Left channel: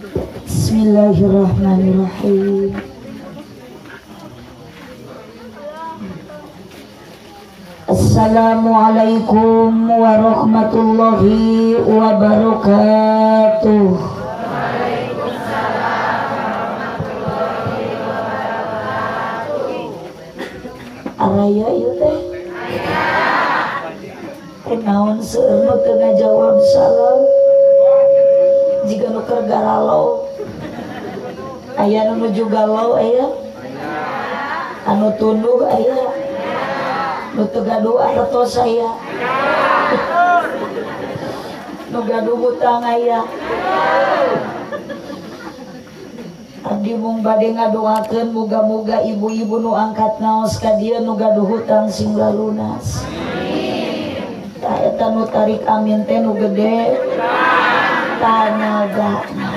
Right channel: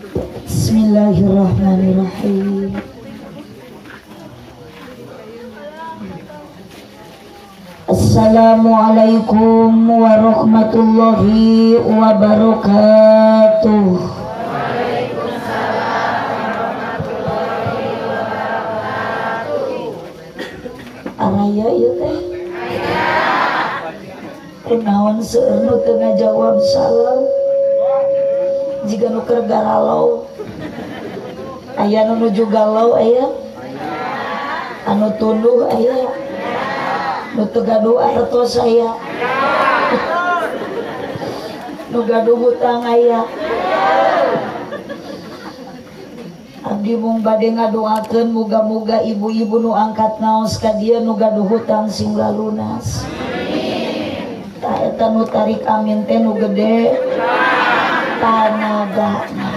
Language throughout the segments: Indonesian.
Bismillahirrahmanirrahim. Assalamualaikum warahmatullahi wabarakatuh. Araya ieu teh kunaon seueur nu teu ngajawab salam jiga nu keur garalau aya nu nuju galau aya anu tunduh aya nu teu gaduh artos aya nu gaduh hutang aya. Abdi mung bade ngadoakeun muga-muga ibu-ibu nu angkat naos ka dieu nu gaduh hutang sing lunas. Tah eta nu tarik amin teh nu gede tanagana.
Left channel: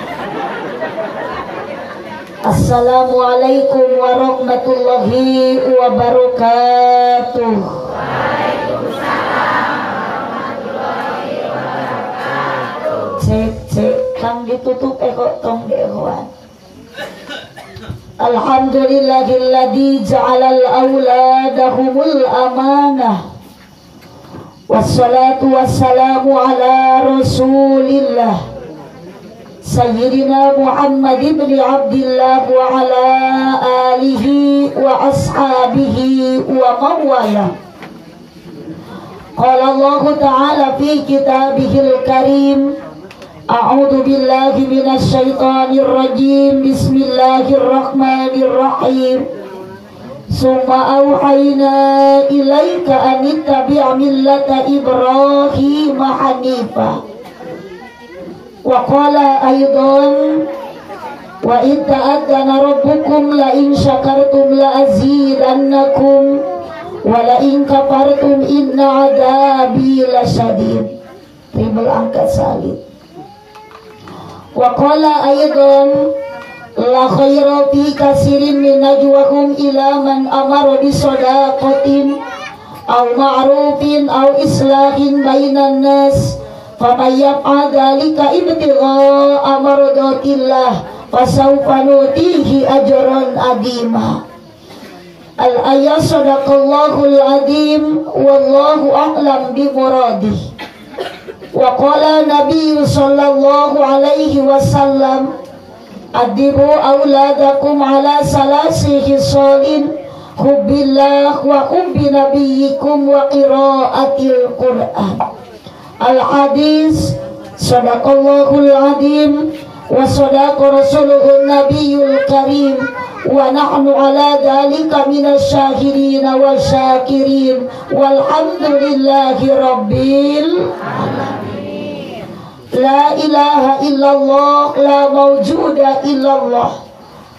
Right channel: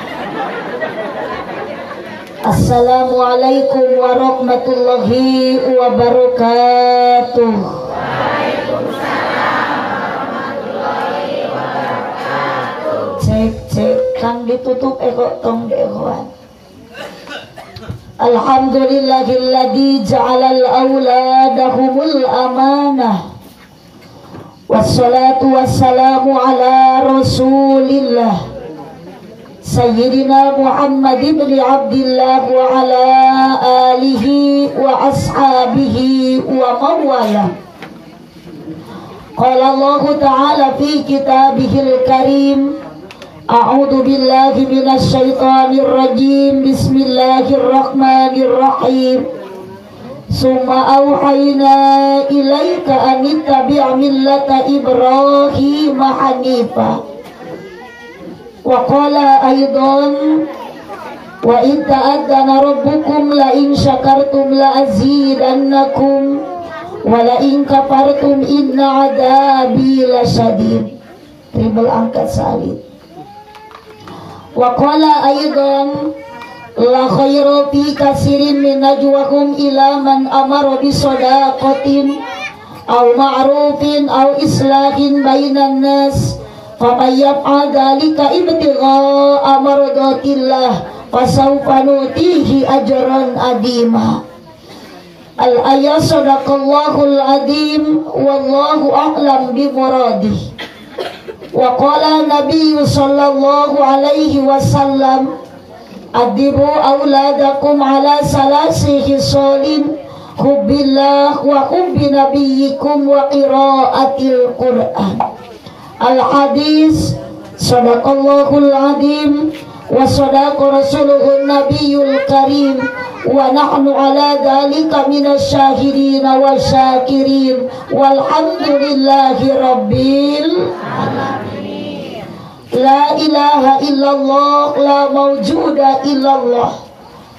Assalamualaikum warahmatullahi wabarakatuh. Cek kang ditutup kok tong dewan. Alhamdulillahilladzi ja'alal auladahumul amanah. Wassalatu wassalamu ala Rasulillah Sayyidina Muhammad ibn Abdillah wa ala alihi wa ashabihi wa mawala. Qala Allah Ta'ala fi kitabihil karim, a'udzu billahi minasy syaithanir rajim. Bismillahirrahmanirrahim. Summa auhayna ilaika an ittabi' millata Ibrahim hanifa. Wa qala aidan wa in ta'addana rabbukum la in syakartum la azidannakum wa la in kafartum inna adabi lasyadid. Tribal angkat salib. Wa qala aidan la khaira fi katsirin min najwahum ila man amara bi shadaqatin aw ma'rufin aw islahin bainan nas faman yaf'al dzalika ibtigha'a mardatillah fasawfa nutihi ajran adima. Al-ayat sadaqallahul azim wallahu a'lam bi muradih. Wa qala Nabi sallallahu alaihi wasallam adibu auladakum ala salasi khisalin hubbillah wa hubbi nabiyyikum wa qiraatil Qur'an. Al-hadis sadaqallahul azim wa sadaqa rasuluhun nabiyyul karim wa nahnu ala dhalika minasy syahidin wa syakirin walhamdulillahi rabbil alamin. La ilaha illallah la mawjuda illallah,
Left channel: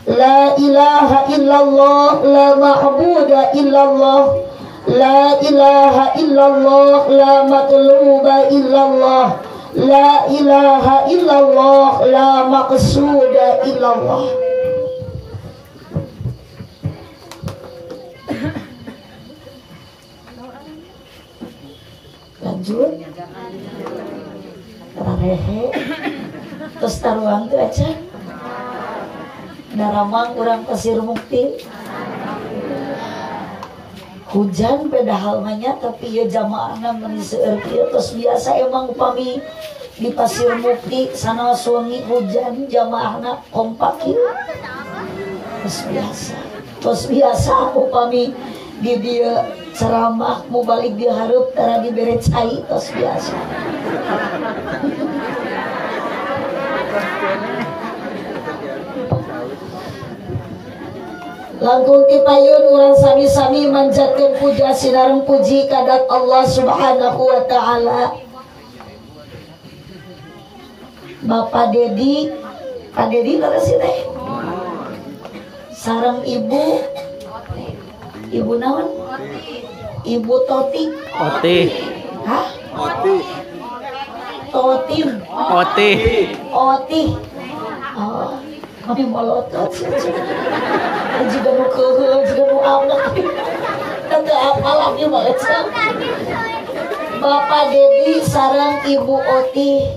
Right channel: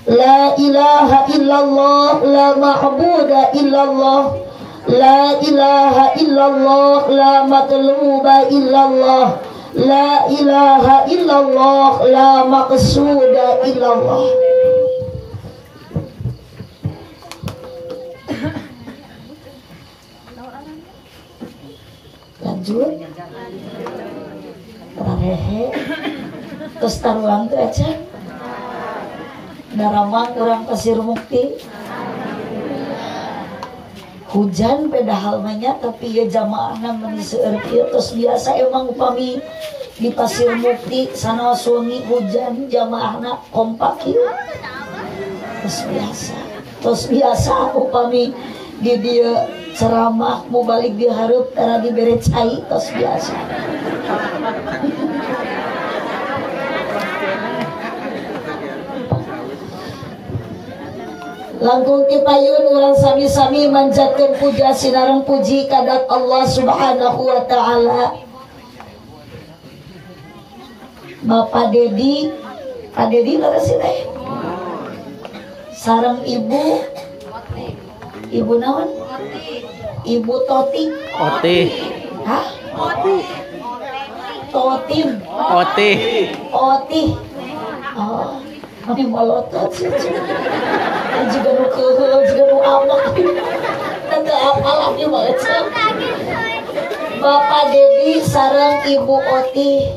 la ilaha illallah la ma'buda illallah, la ilaha illallah la matluba illallah, la ilaha illallah la maqsuda illallah. Lanjut rarehe terus taruang tuh aja naramang kurang kasir mukti hujan pedahal banyak tapi ya jamaahna meniseur kieu terus biasa emang upami di pasir mukti sana suami hujan jamaahna kompak kieu terus biasa upami di dia ceramah mau balik dia hareup tara dibere cai terus biasa. Langkung ti payun urang sami-sami manjatkeun puja sinareng puji kadak Allah Subhanahu wa taala. Bapak Dedi, Pak Dedi leres teh. Sareng ibu naon? Ibu Toti. Oti. Hah? Oti. Totim. Oti. Oti. Oh, mani malotot. Juga nu keuheul, juga nu amak. Teu apal lagi baca. Bapak Dedi sareng Ibu Oti.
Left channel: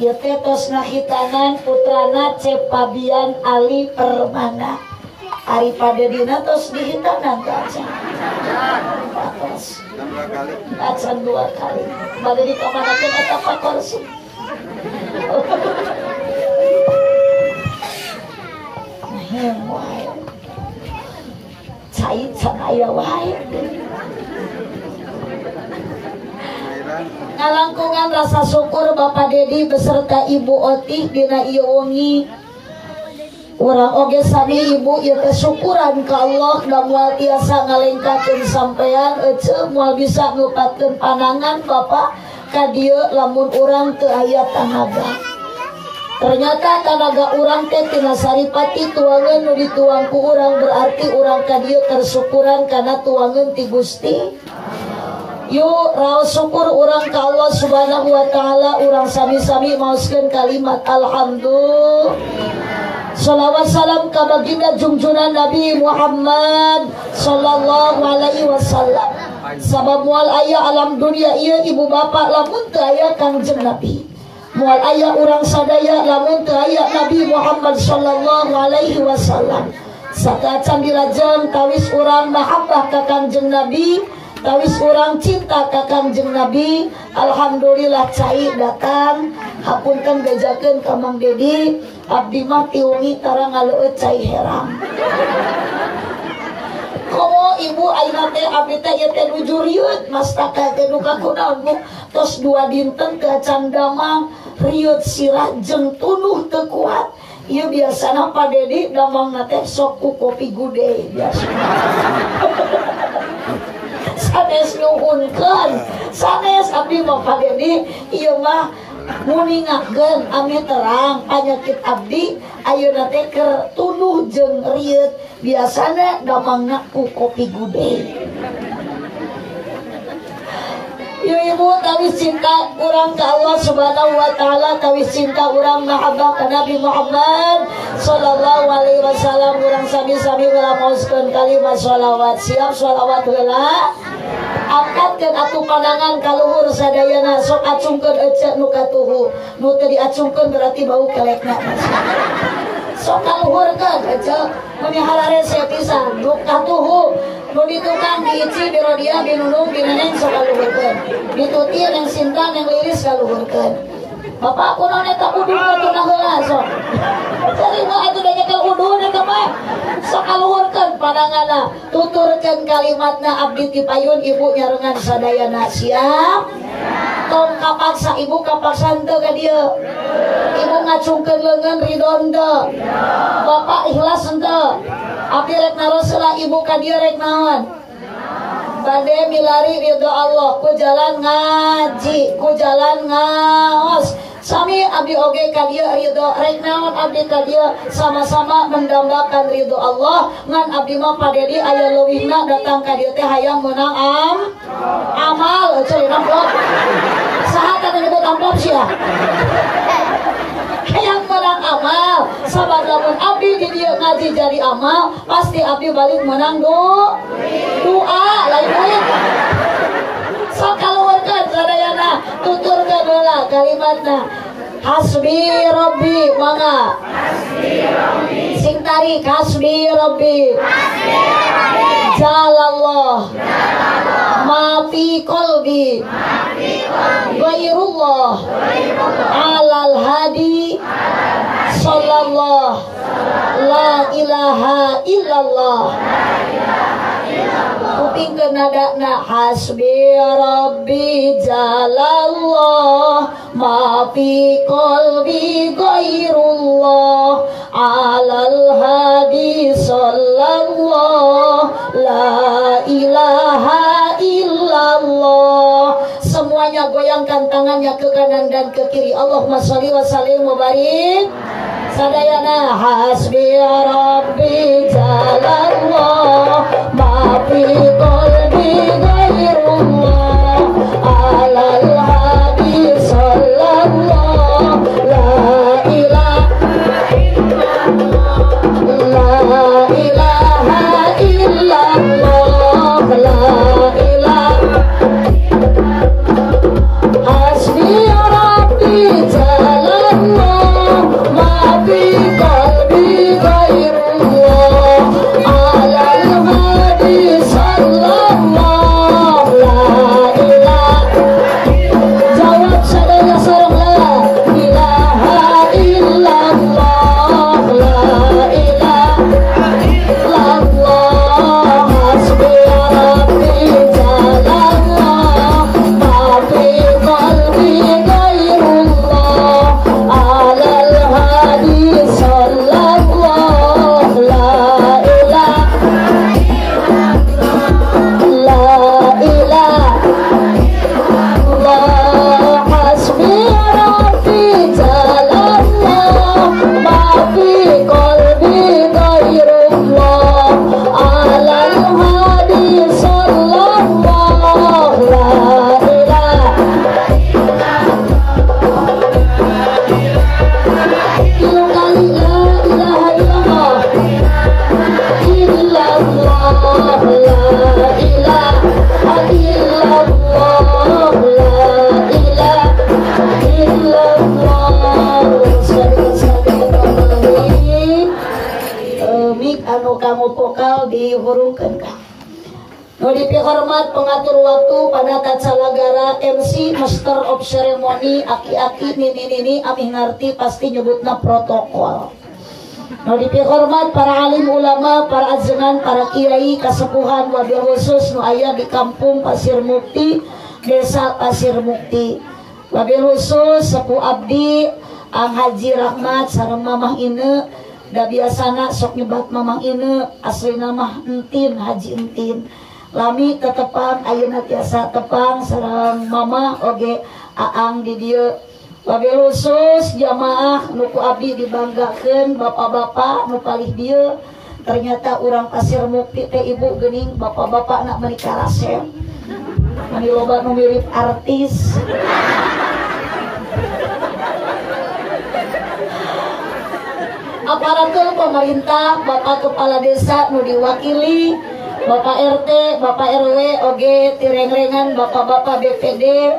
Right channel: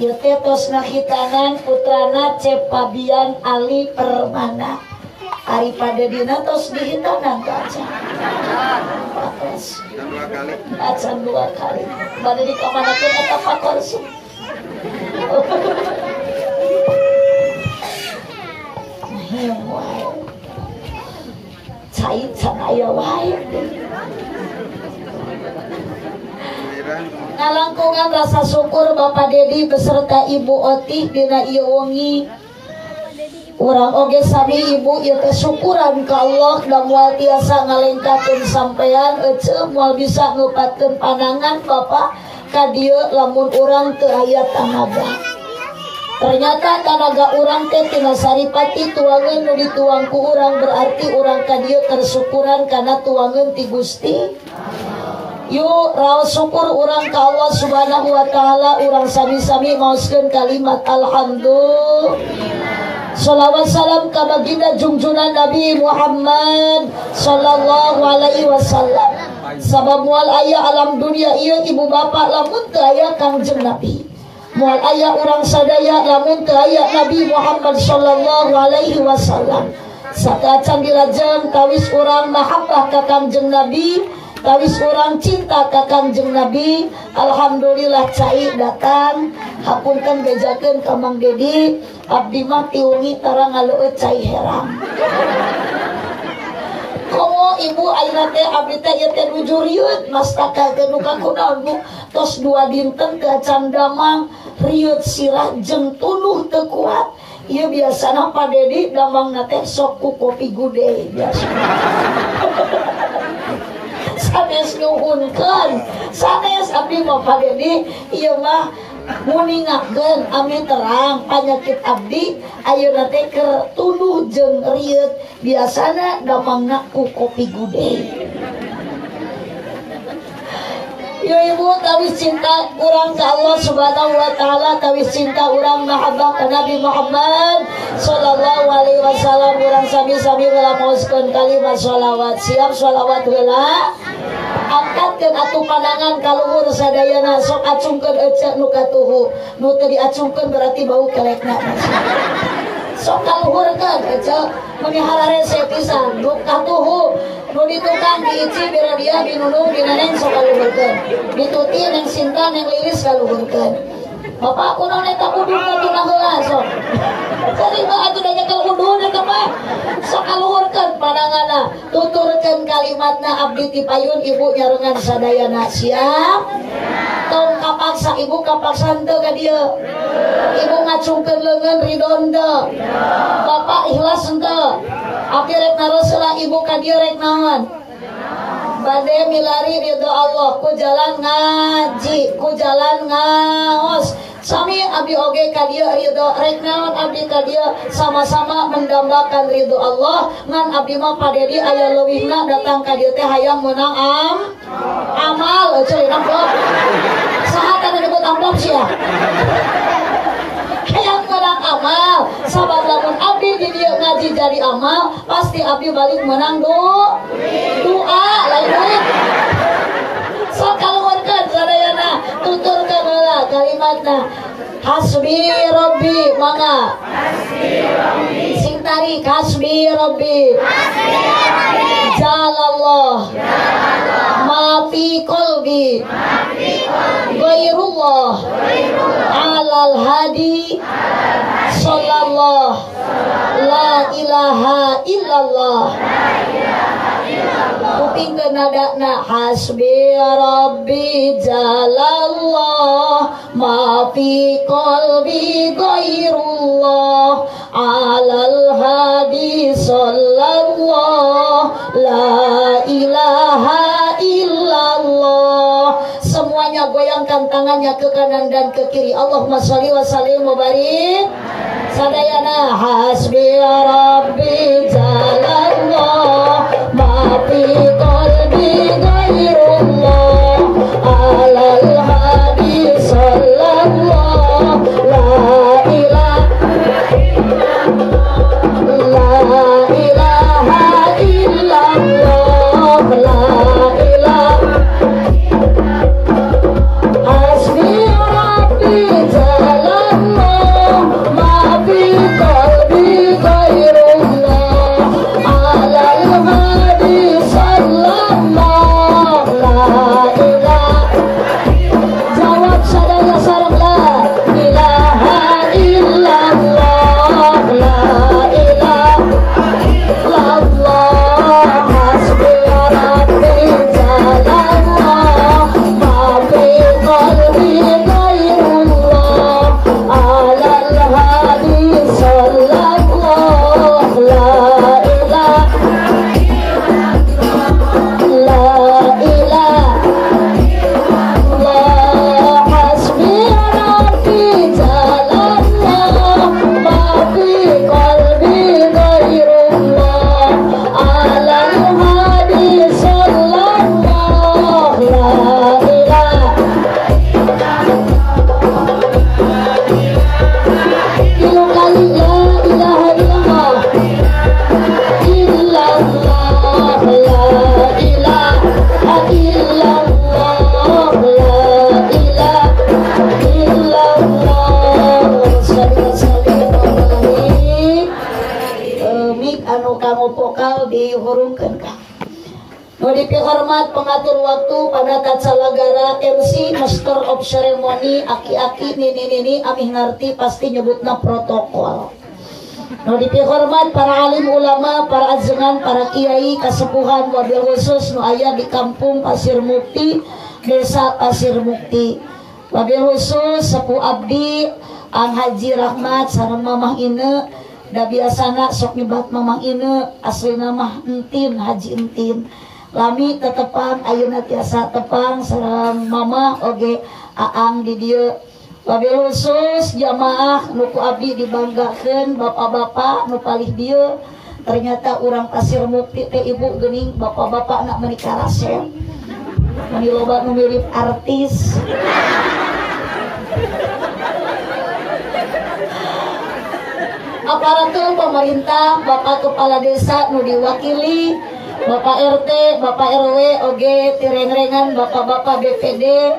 ieu teh tos ngahitanan putrana Cepabian Ali Permana. Ari Padedina tos dihitanan ka acan. Acan 2 kali. Bade dikamanakeun eta pakorsi. Nah, wae. Cai can aya wae. Ngalangkungan rasa syukur Bapak Dedi beserta Ibu Otih dina ieu wengi. Urang oge sami ibu ieu teh syukuran ka Allah da moal tiasa ngalengkakeun sampean ece moal bisa ngeupakeun panangan Bapak ka dieu lamun urang teu aya tanaga. Ternyata tanaga urang teh tina saripati tuangan nu dituang ku urang berarti urang ka dieu tersyukuran kana tuangan ti Gusti. Yuk raos syukur urang ka Allah Subhanahu wa taala, urang sami-sami maoskeun kalimat alhamdulillah. Salawat salam ka baginda junjungan Nabi Muhammad sallallahu alaihi wasallam. Sabab moal aya alam dunia ieu ibu bapak lamun teu aya Kangjeng Nabi. Moal aya urang sadaya lamun teu aya Nabi Muhammad sallallahu alaihi wasallam. Sakacan dilajeng tawis urang mahabbah ka Kangjeng Nabi, tawis urang cinta ka Kangjeng Nabi. Alhamdulillah cai datang hapunten bejakeun ka Mang Dedi. Abdi mah tiungi tara ngaleueut cai herang. Komo ibu ayeuna teh abdi teh ieu teh nuju rieut mastaka teh duka kunaon Bu tos 2 dinten teh can damang rieut sirah jeung tunuh teu kuat. Ieu biasana Pak Dedi damangna teh sok ku kopi gude biasa. Sanes nyuhunkeun sanes abdi mah Pak Dedi ieu mah muningakeun ame terang panyakit abdi ayeuna teh keur tuduh jeung rieut biasana damangna ku kopi gude. Yo ibu tawis cinta urang ka Allah Subhanahu wa taala, tawis cinta urang mahabbah ka Nabi Muhammad sallallahu alaihi wasallam. Urang sami-sami ngalamuskeun kalimat shalawat. Siap shalawat heula. Angkatkeun atuh pandangan ka luhur sadayana, sok acungkeun ece nu katuhu. Nu teu diacungkeun berarti bau kelekna. Sok kaluhurkeun ece meni hararese pisan nu katuhu. Nu di tukang diici biro dia binunung bineneng sok kaluhurkeun. Dituti neng Sinta neng Lilis kaluhurkeun. Bapak kunaon eta ubi kutuna heula sok. Cari mah atuh da nyekel uduh eta mah. Sok kaluhurkeun pandanganna, tuturkeun kalimatna abdi ti payun ibu nyarengan sadayana. Siap? Tong kapaksa ibu kapaksan teu ka dieu. Ibu ngacungkeun leungeun ridon teu. Bapak ikhlas teu. Abdi rek naroseula ibu ka dieu rek naon? Bade milari ridho Allah ku jalan ngaji, ku jalan ngaos. Sami abdi oge ka dieu ridho rek naon abdi ka dieu sama-sama mendambakan ridho Allah. Ngan abdi mah Pak Dedi aya leuwihna datang ka dieu teh hayang meunang amal euy amplop. Saha teh disebut amplop sia? Hayang meunang amal. Sabab lamun abdi di dieu ngaji jadi amal, pasti abdi balik menang doa lain duit. Sok kaluhurkeun sadayana, tuturkeun heula kalimatna. Hasbi Rabbi mangga. Hasbi Rabbi. Sing tarik hasbi Rabbi. Hasbi Rabbi. Jalallah. Ma fi qalbi. Ma fi qalbi. Ghairullah. Alal hadi. Sallallahu. La ilaha illallah. Kupingkeun nadana hasbi Rabbi jalallah ma fi qalbi ghairullah alal hadi sallallahu la ilaha illallah. Semuanya goyangkan tangannya ke kanan dan ke kiri. Allahumma sholli wa sallim wa barik. Sadayana hasbi Rabbi jalallah ma fi qalbi ghairullah alal hadi sallallahu la ilaha illallah la ilaha hasbi Rabbi jalallah anu kamu vokal dihurungkeun ka. Nu dipihormat pengatur waktu pada Tatsalagara MC Master of Ceremony aki-aki nini amih ngarti pasti nyebutna protokol. Nu dipihormat para alim ulama, para ajengan, para kiai, kasepuhan wabil khusus nu aya di kampung Pasir Mukti, Desa Pasir Mukti. Wabil khusus sepuh abdi Ang Haji Rahmat sareng Mamah Ine. Da biasana sok nyebat Mamah Ine, aslina mah Entin, Haji Entin. Lami tetepang ayeuna tiasa tepang sareng Mamah oge Aang di dieu. Wabil khusus jamaah nu ku abdi dibanggakeun bapak-bapak nu palih dieu. Ternyata urang Pasir Mukti teh ibu geuning bapak-bapak nak menikah rasep. Mani loba nu mirip artis. Aparatur pemerintah, Bapak Kepala Desa nu diwakili, Bapak RT, Bapak RW, oge tireng-rengan Bapak-bapak BPD,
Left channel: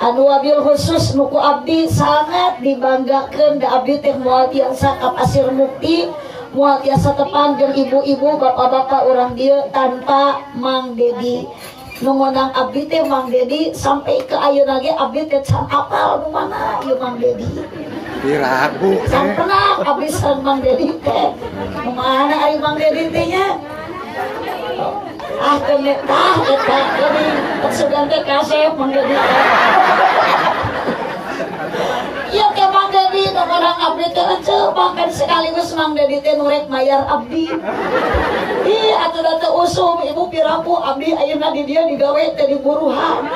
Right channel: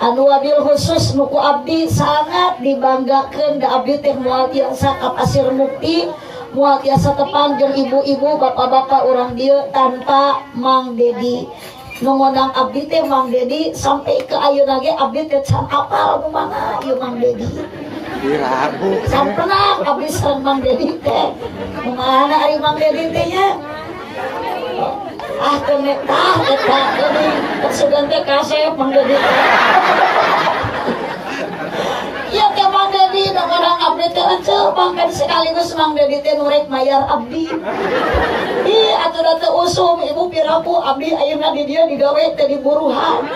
anu wabil khusus nuku abdi sangat dibanggakeun da abdi teh moal tiasa ka Pasir Mukti, moal tiasa tepang jeung ibu-ibu, bapak-bapak urang dieu tanpa Mang Dedi. Nu ngundang abdi teh Mang Dedi sampai ke ayeuna ge abdi teh can apal nu mana ieu Mang Dedi. Diragu Sampena abis Mang Dedi teh mana ari Mang Dedi teh nya temet eta jadi sugan teh kasep Mang Dedi ieu teh Mang Dedi nu orang abdi teh eceu mangkan sekaligus Mang Dedi teh nu rek mayar abdi atuh da teu usum ibu pirapu abdi ayeuna di dieu digawe teh di buruhan.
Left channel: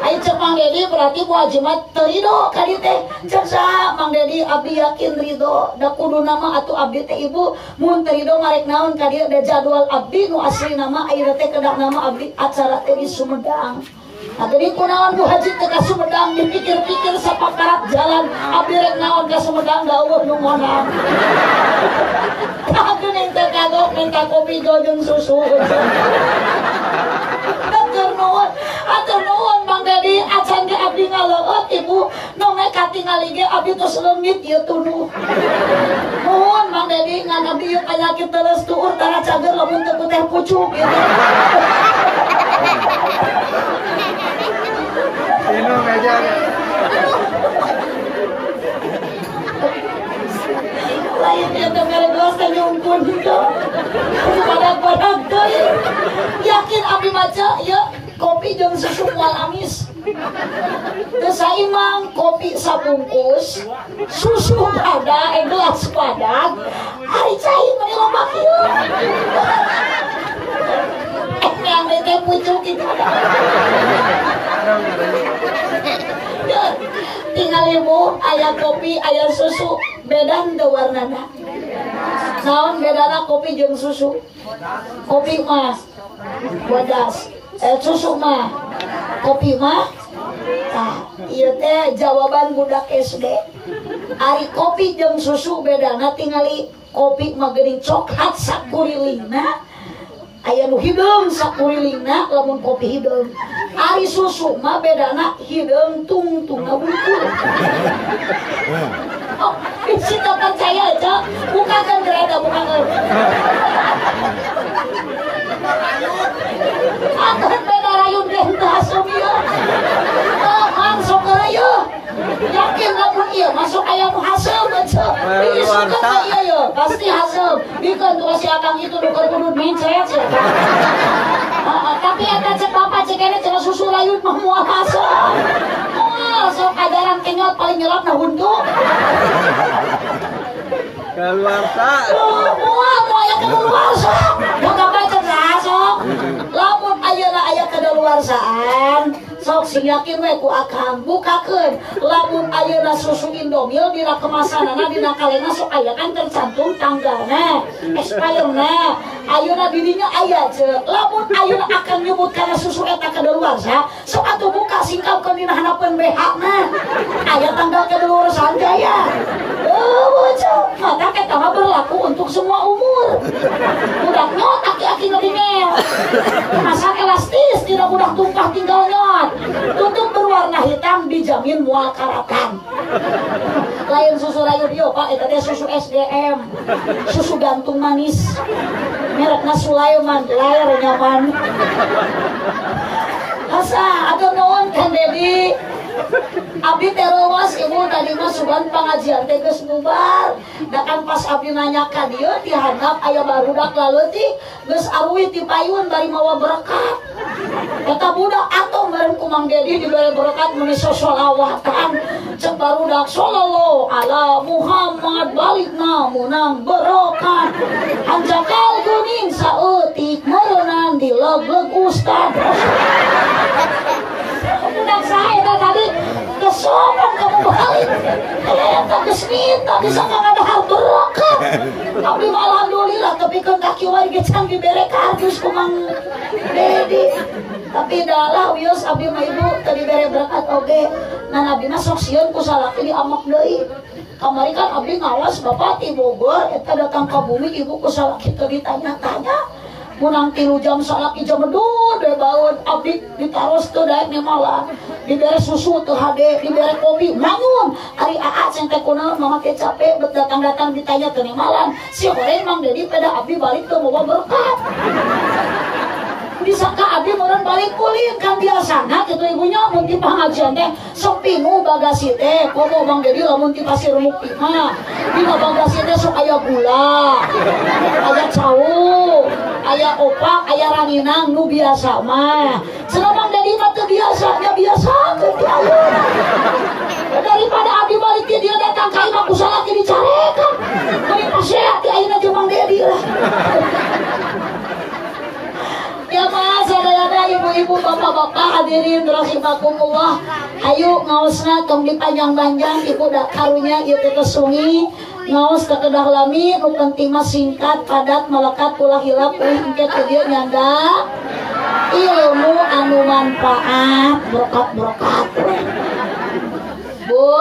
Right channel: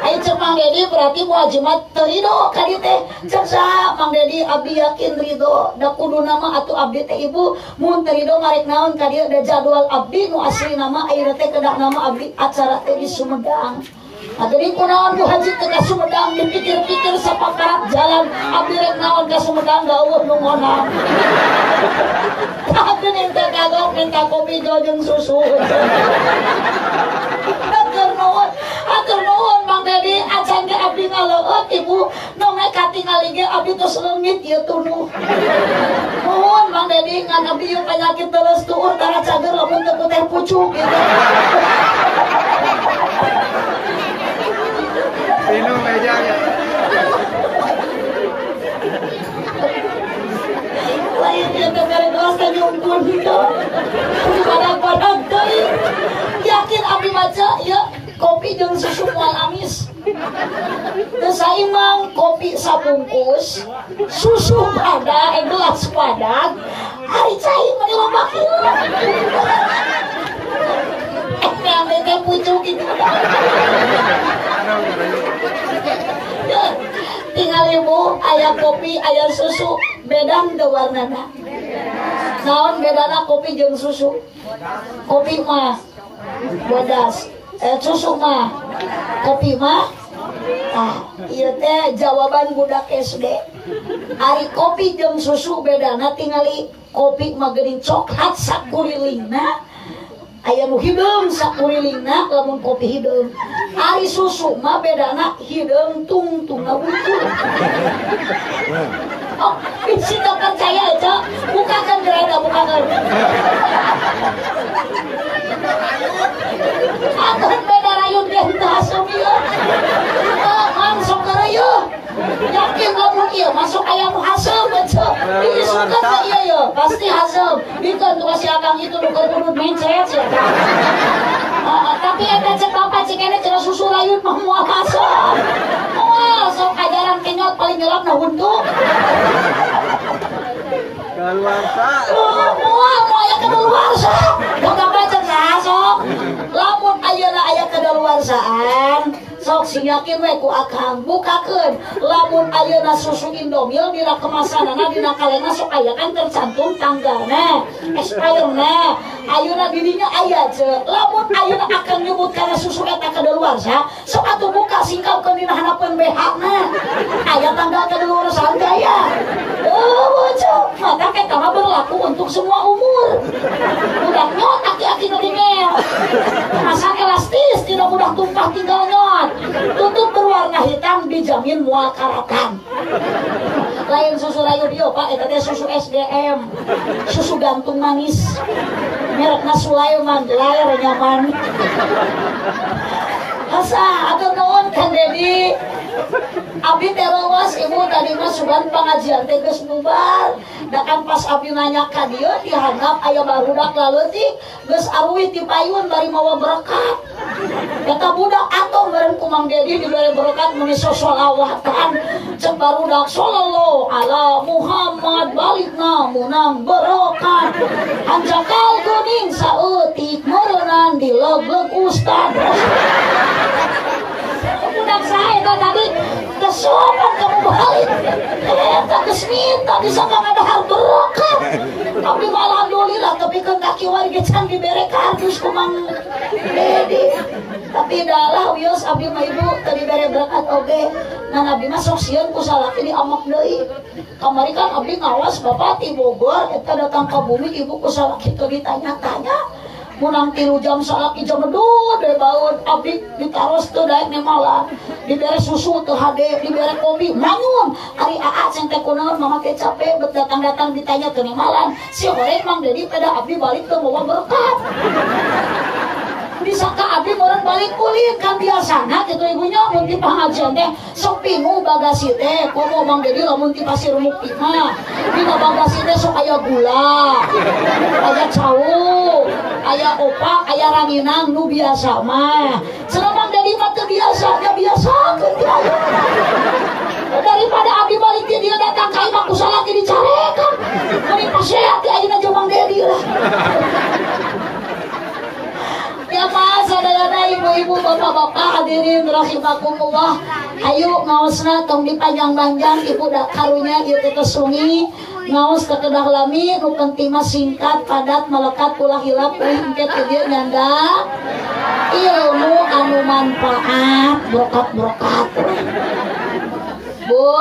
Ayo cek Mang Dedi berarti muajimat terido kali teh cek saha Mang Dedi abdi yakin ridho da kudu nama atuh abdi teh ibu mun terido marek naon ka dieu da jadwal abdi nu asli nama ayeuna teh kedak nama abdi acara teh di Sumedang. Jadi kunaon Bu Haji teh ka Sumedang dipikir-pikir sapakarat jalan abdi rek naon ka Sumedang da eueuh nu monan. Abdi teh kagok minta kopi jeung susu. Atur nuhun Mang Dedi acan ge abdi ngaleueut ibu nome katingali ge abdi tos leungit ieu tunuh. Nuhun Mang Dedi ngan abdi ieu panyakit teuleus tuur tara cager lamun teu teh pucuk gitu. Sino aja. Lain ieu teh mere gelas teh nyungkun gitu. Padang-padang teuing. Yakin abdi maca ieu kopi jeung susu moal amis. Teu saimang kopi sabungkus, susu pada gelas padang. Hari cai mah loba kieu. Yang teh pucuk gitu. Tinggal ibu aya kopi aya susu beda teu warnana. Naon bedana kopi jeung susu? Kopi mah bodas. Susu mah kopi mah ieu teh jawaban budak SD. Ari kopi jeung susu bedana tingali kopi mah geuning coklat sakurilingna aya nu hideung sakurilingna lamun kopi hideung. Ari susu mah bedana hideung tungtungna bungkul. Oh, bisi tak percaya aja, bukakan gereda bukakan. Akan beda rayun dia henteu hasem ieu. Langsung ke rayu. Yakin lamun ieu masuk aya nu hasem aja. Isukeun teh ieu ye, pasti hasem. Bikeun tuh si akang itu nu keur kudu mencret sia. Tapi eta cek bapak cek kene cenah susu rayun mah moal hasem. Moal sok ajaran kenyot paling nyelap na huntu. Keluarsa. Moal aya kedaluarsa. Boga baca sok. Lamun ayeuna aya kedaluarsaan, sok sing yakin we ku akang bukakeun. Lamun ayeuna susu Indomil dina kemasanana dina kalena sok aya kan tercantum tanggalna, expiredna. Ayeuna di dinya aya ceuk. Lamun ayeuna akan nyebut kana susu eta kedaluarsa, sok atuh buka singkapkeun dina hanapeun BH-na. Aya tanggal kedaluarsaan teh aya. Bocah, mata kita mah berlaku untuk semua umur. Budak nyot aki-aki nu dingel. Masa elastis tidak mudah tumpah tinggal nyot. Tutup berwarna hitam di dijamin mual karatan. Lain susu radio Pak, eta teh susu SDM, susu gantung manis, merekna Sulaiman, layar nyaman. Asa atur nuhun Kang Dedi. Abdi terowas ibu tadi mah sugan pengajian teh geus bubar. Da kan pas abdi nanya ka dieu dihandap aya barudak laleutik geus aruwih ti payun bari mawa berkat. Eta budak atuh bareng ku Mang Dedi dibere berkat muni sholawatan. Cek barudak sallallahu ala Muhammad balikna munang berkat. Hanjakal geuning saeutik meureunang di leg-leg ustad. Budak saya tadi kesopan kamu balik. Eta geus minta bisa ngadahar berkat. Tapi alhamdulillah tapi ke kaki wae ge can dibere kardus ku Mang Dedi. Tapi dalah wios abdi mah ibu tadi bere berkat oge. Ngan abdi mah sok sieun ku salaki diamak deui. Kamari kan abdi ngawas Bapak ti Bogor eta datang ka bumi ibu ku salaki teu ditanya-tanya. Munang 3 jam salaki jam medud deh baun abdi ditaros teu daek malah dibere susu teu hade dibere kopi manyun ari aa ceng teh kunaon mama teh capek bet datang-datang ditanya teu malam si goreng Mang Dedi pada abdi balik teu bawa berkat bisa ka abdi meureun balik kulit kan biasana kitu ibunya mun ti pangajian teh sok pingu bagasi teh komo Mang Dedi lamun ti Pasir Mukti mah dina bagasi teh sok aya gula aya cau aya opak, aya ranginang, nu biasa mah. Cenah Mang Dedi mah teu biasa, nya biasa ke dia. Daripada abdi balik dia datang ka imam kusala ge dicarekan. Bari pasehat ti ayeuna jeung Mang Dedi lah. Ya Mas, sadayana ibu-ibu, bapak-bapak hadirin rahimakumullah. Ayo ngaosna tong dipanjang-panjang ibu da karunya ieu teh sungi. Ngaos kekedah lami nu penting mah singkat padat melekat ulah hilap euy engke teh dieu nyanda ilmu anu manfaat berkat-berkat. Bu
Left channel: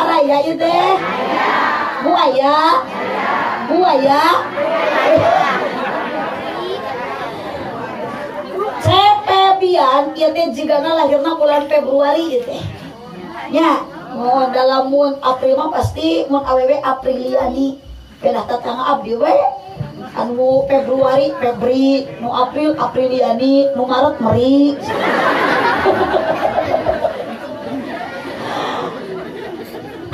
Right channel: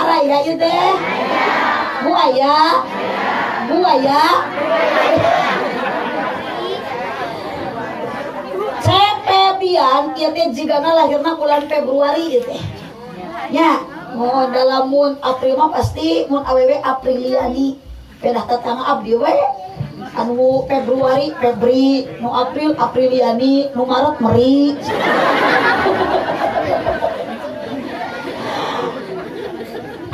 araya ieu teh Bu aya Cepebian ieu teh jigana lahirna bulan Februari ieu teh nya. Oh, dalam mun April mah pasti mun awewe Apriliani. Pedah tetangga abdi we. Anu Februari Febri, nu April Apriliani, nu Maret Meri.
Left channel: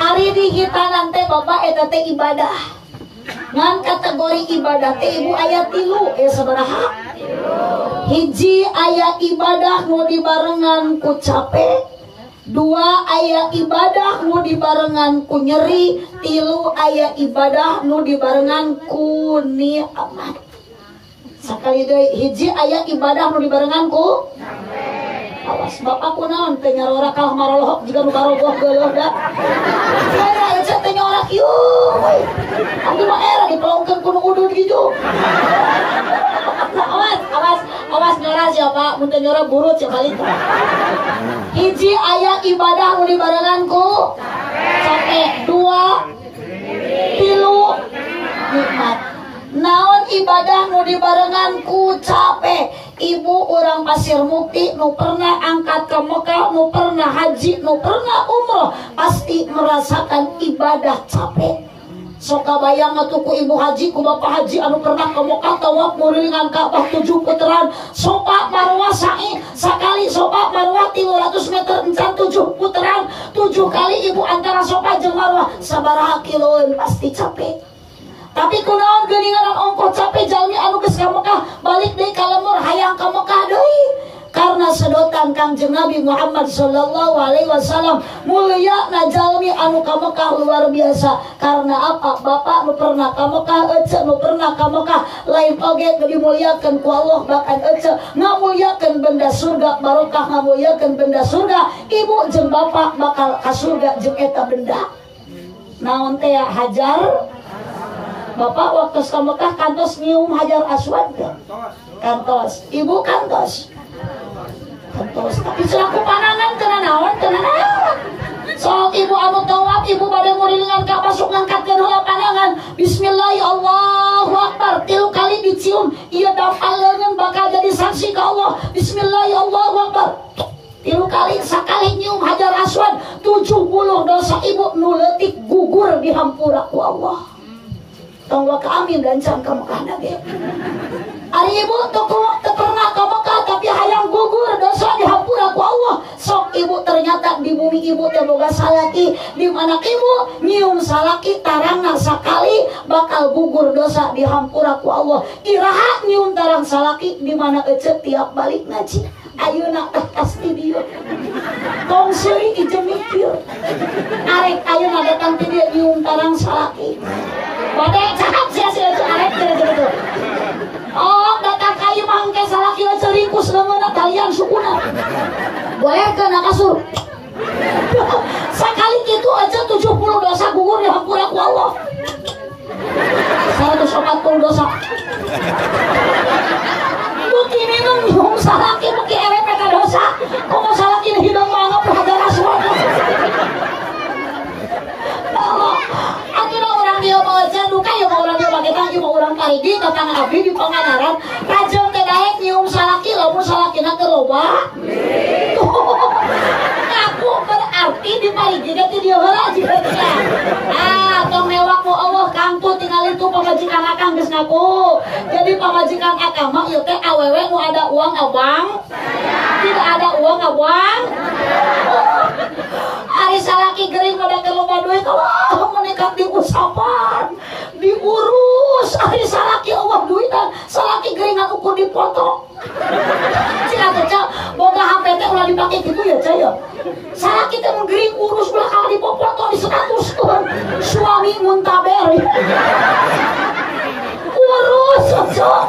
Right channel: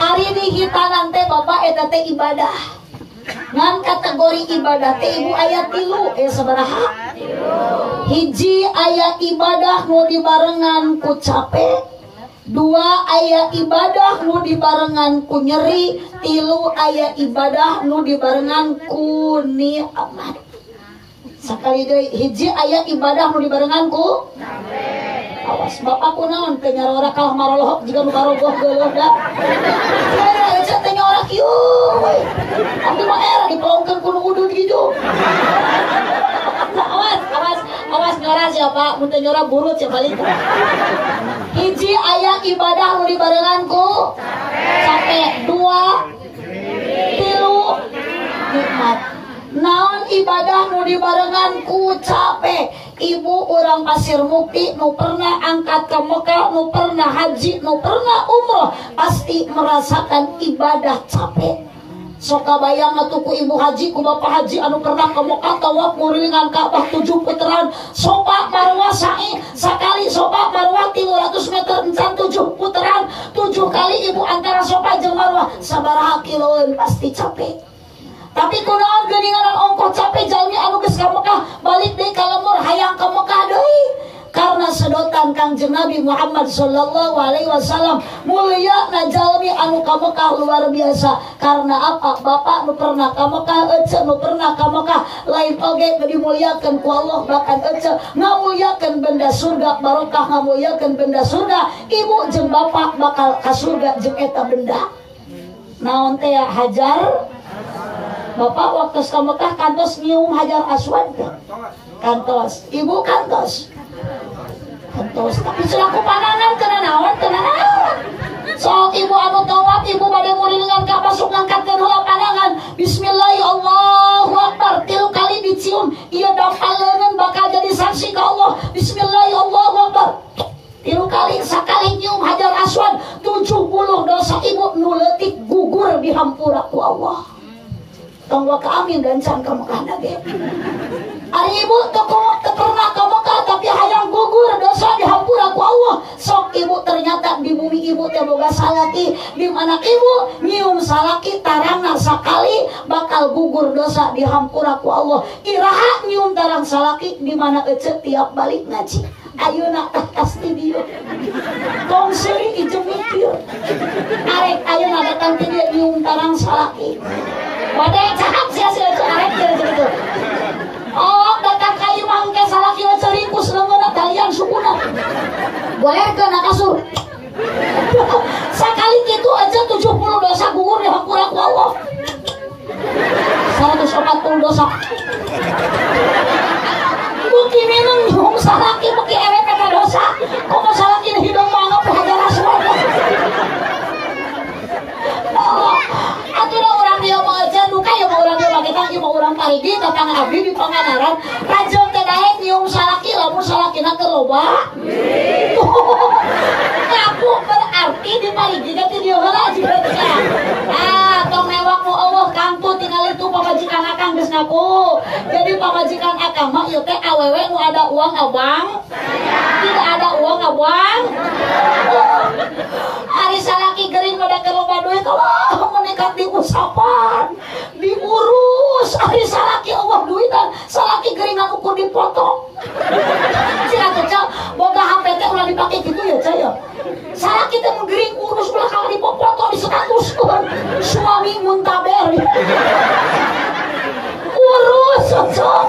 Ari di hitanan teh Bapak eta teh ibadah. Ngan kategori ibadah teh ibu aya 3 sabaraha? Hiji aya ibadah nu dibarengan ku capek. 2 aya ibadah nu dibarengan ku nyeri. 3 aya ibadah nu dibarengan ku nikmat. Sakali deui hiji aya ibadah nu dibarengan ku awas bapak kunaon teh nyarora kalah marolohok jiga nu karogoh geuleuh da. Saya ece teh nyorak ieu. Abdi mah era dipelongkeun ku nu udud kitu. Awas nyora siapa mun teh nyora burut sia balik. Hiji aya ibadah nu dibarengan ku capek. 2 3 nikmat. Naon ibadah nu dibarengan ku capek? Ibu orang Pasir Mukti nu pernah angkat ke Mekah, nu pernah haji, nu pernah umroh pasti merasakan ibadah capek. Sok kabayang atuh ku ibu haji, ku bapak haji anu pernah ke Mekah tawaf ngurilingan Ka'bah 7 putaran, sofa marwah sa'i sakali, sofa marwah 300 meter encan 7 putaran, 7 kali ibu antara sofa jeung marwah sabaraha kiloan pasti capek. Tapi kunaon geuningan ongkoh capek jalmi anu geus ka Mekah balik deui ka lemur hayang ka Mekah deui. Karena sedotan Kangjeng Nabi Muhammad sallallahu alaihi wasallam mulia na jalmi anu ka Mekah luar biasa. Karena apa? Bapak nu pernah ka Mekah, ece nu pernah ka Mekah lain oge dimuliakeun ku Allah, bahkan ece ngamuliakeun benda surga, barokah ngamuliakeun benda surga. Ibu jeung bapak bakal ka surga jeung eta benda. Naon teh hajar? Bapak waktu ka Mekah kantos nyium hajar aswad ke? Kantos. Ibu kantos. Kantos. Tapi selaku panangan kena naon? So ibu anu tawaf, ibu pada ngurilingan Ka'bah sok ngangkat kedua panangan. Bismillah, Allahu Akbar. 3 kali dicium. Ia dafal leungeun bakal jadi saksi ka Allah. Bismillah, Allahu Akbar. 3 kali dihampura ku Allah. Tonggo ka amin dan can ka Mekah nage. Ari ibu toko pernah ka Mekah tapi hayang gugur dosa dihampura ku Allah. Sok ibu ternyata di bumi ibu teh boga salaki, di mana ibu nyium salaki tarangna sakali bakal gugur dosa dihampura ku Allah. Iraha nyium tarang salaki di mana ece tiap balik ngaji. Ayeuna pasti dia. Tong seri ieu mikir. Arek ayeuna datang ke dia nyium tarang salaki. Badai cakap sia-sia arek gitu. Oh, datang ka imah ke salaki ceringkus leungeuna talian sukuna. Goerkeun ka kasur. Sakali kitu aja 70 dosa gugur dihampura ku Allah. 140 dosa. Buki minum nyium salaki buki erepet dosa. Kok salaki hidung banget hajara surga. Allah, akhirnya orang dia mau aja luka ya mau orang dia pakai tangi mau orang parigi tatang abdi di Pangandaran rajong teh daek nyium salaki lamun salakina ke loba. Ngaku berarti di parigi teh dia heula juga teh. Tong mewah ku Allah kangtu tinggal itu pamajikan akang geus ngaku. Jadi pamajikan akang mah ieu teh awewe nu ada uang abang. Tidak ada uang abang. Ari salaki gering pada ke loba duit Allah menekat di usapan diurus ari salaki Allah duitan salaki geringan ukur dipoto cina kerja boga HP teh ulah dipake gitu ya caya salaki teh menggering urus ulah kalau dipoto di 100 suami muntaber urus cocok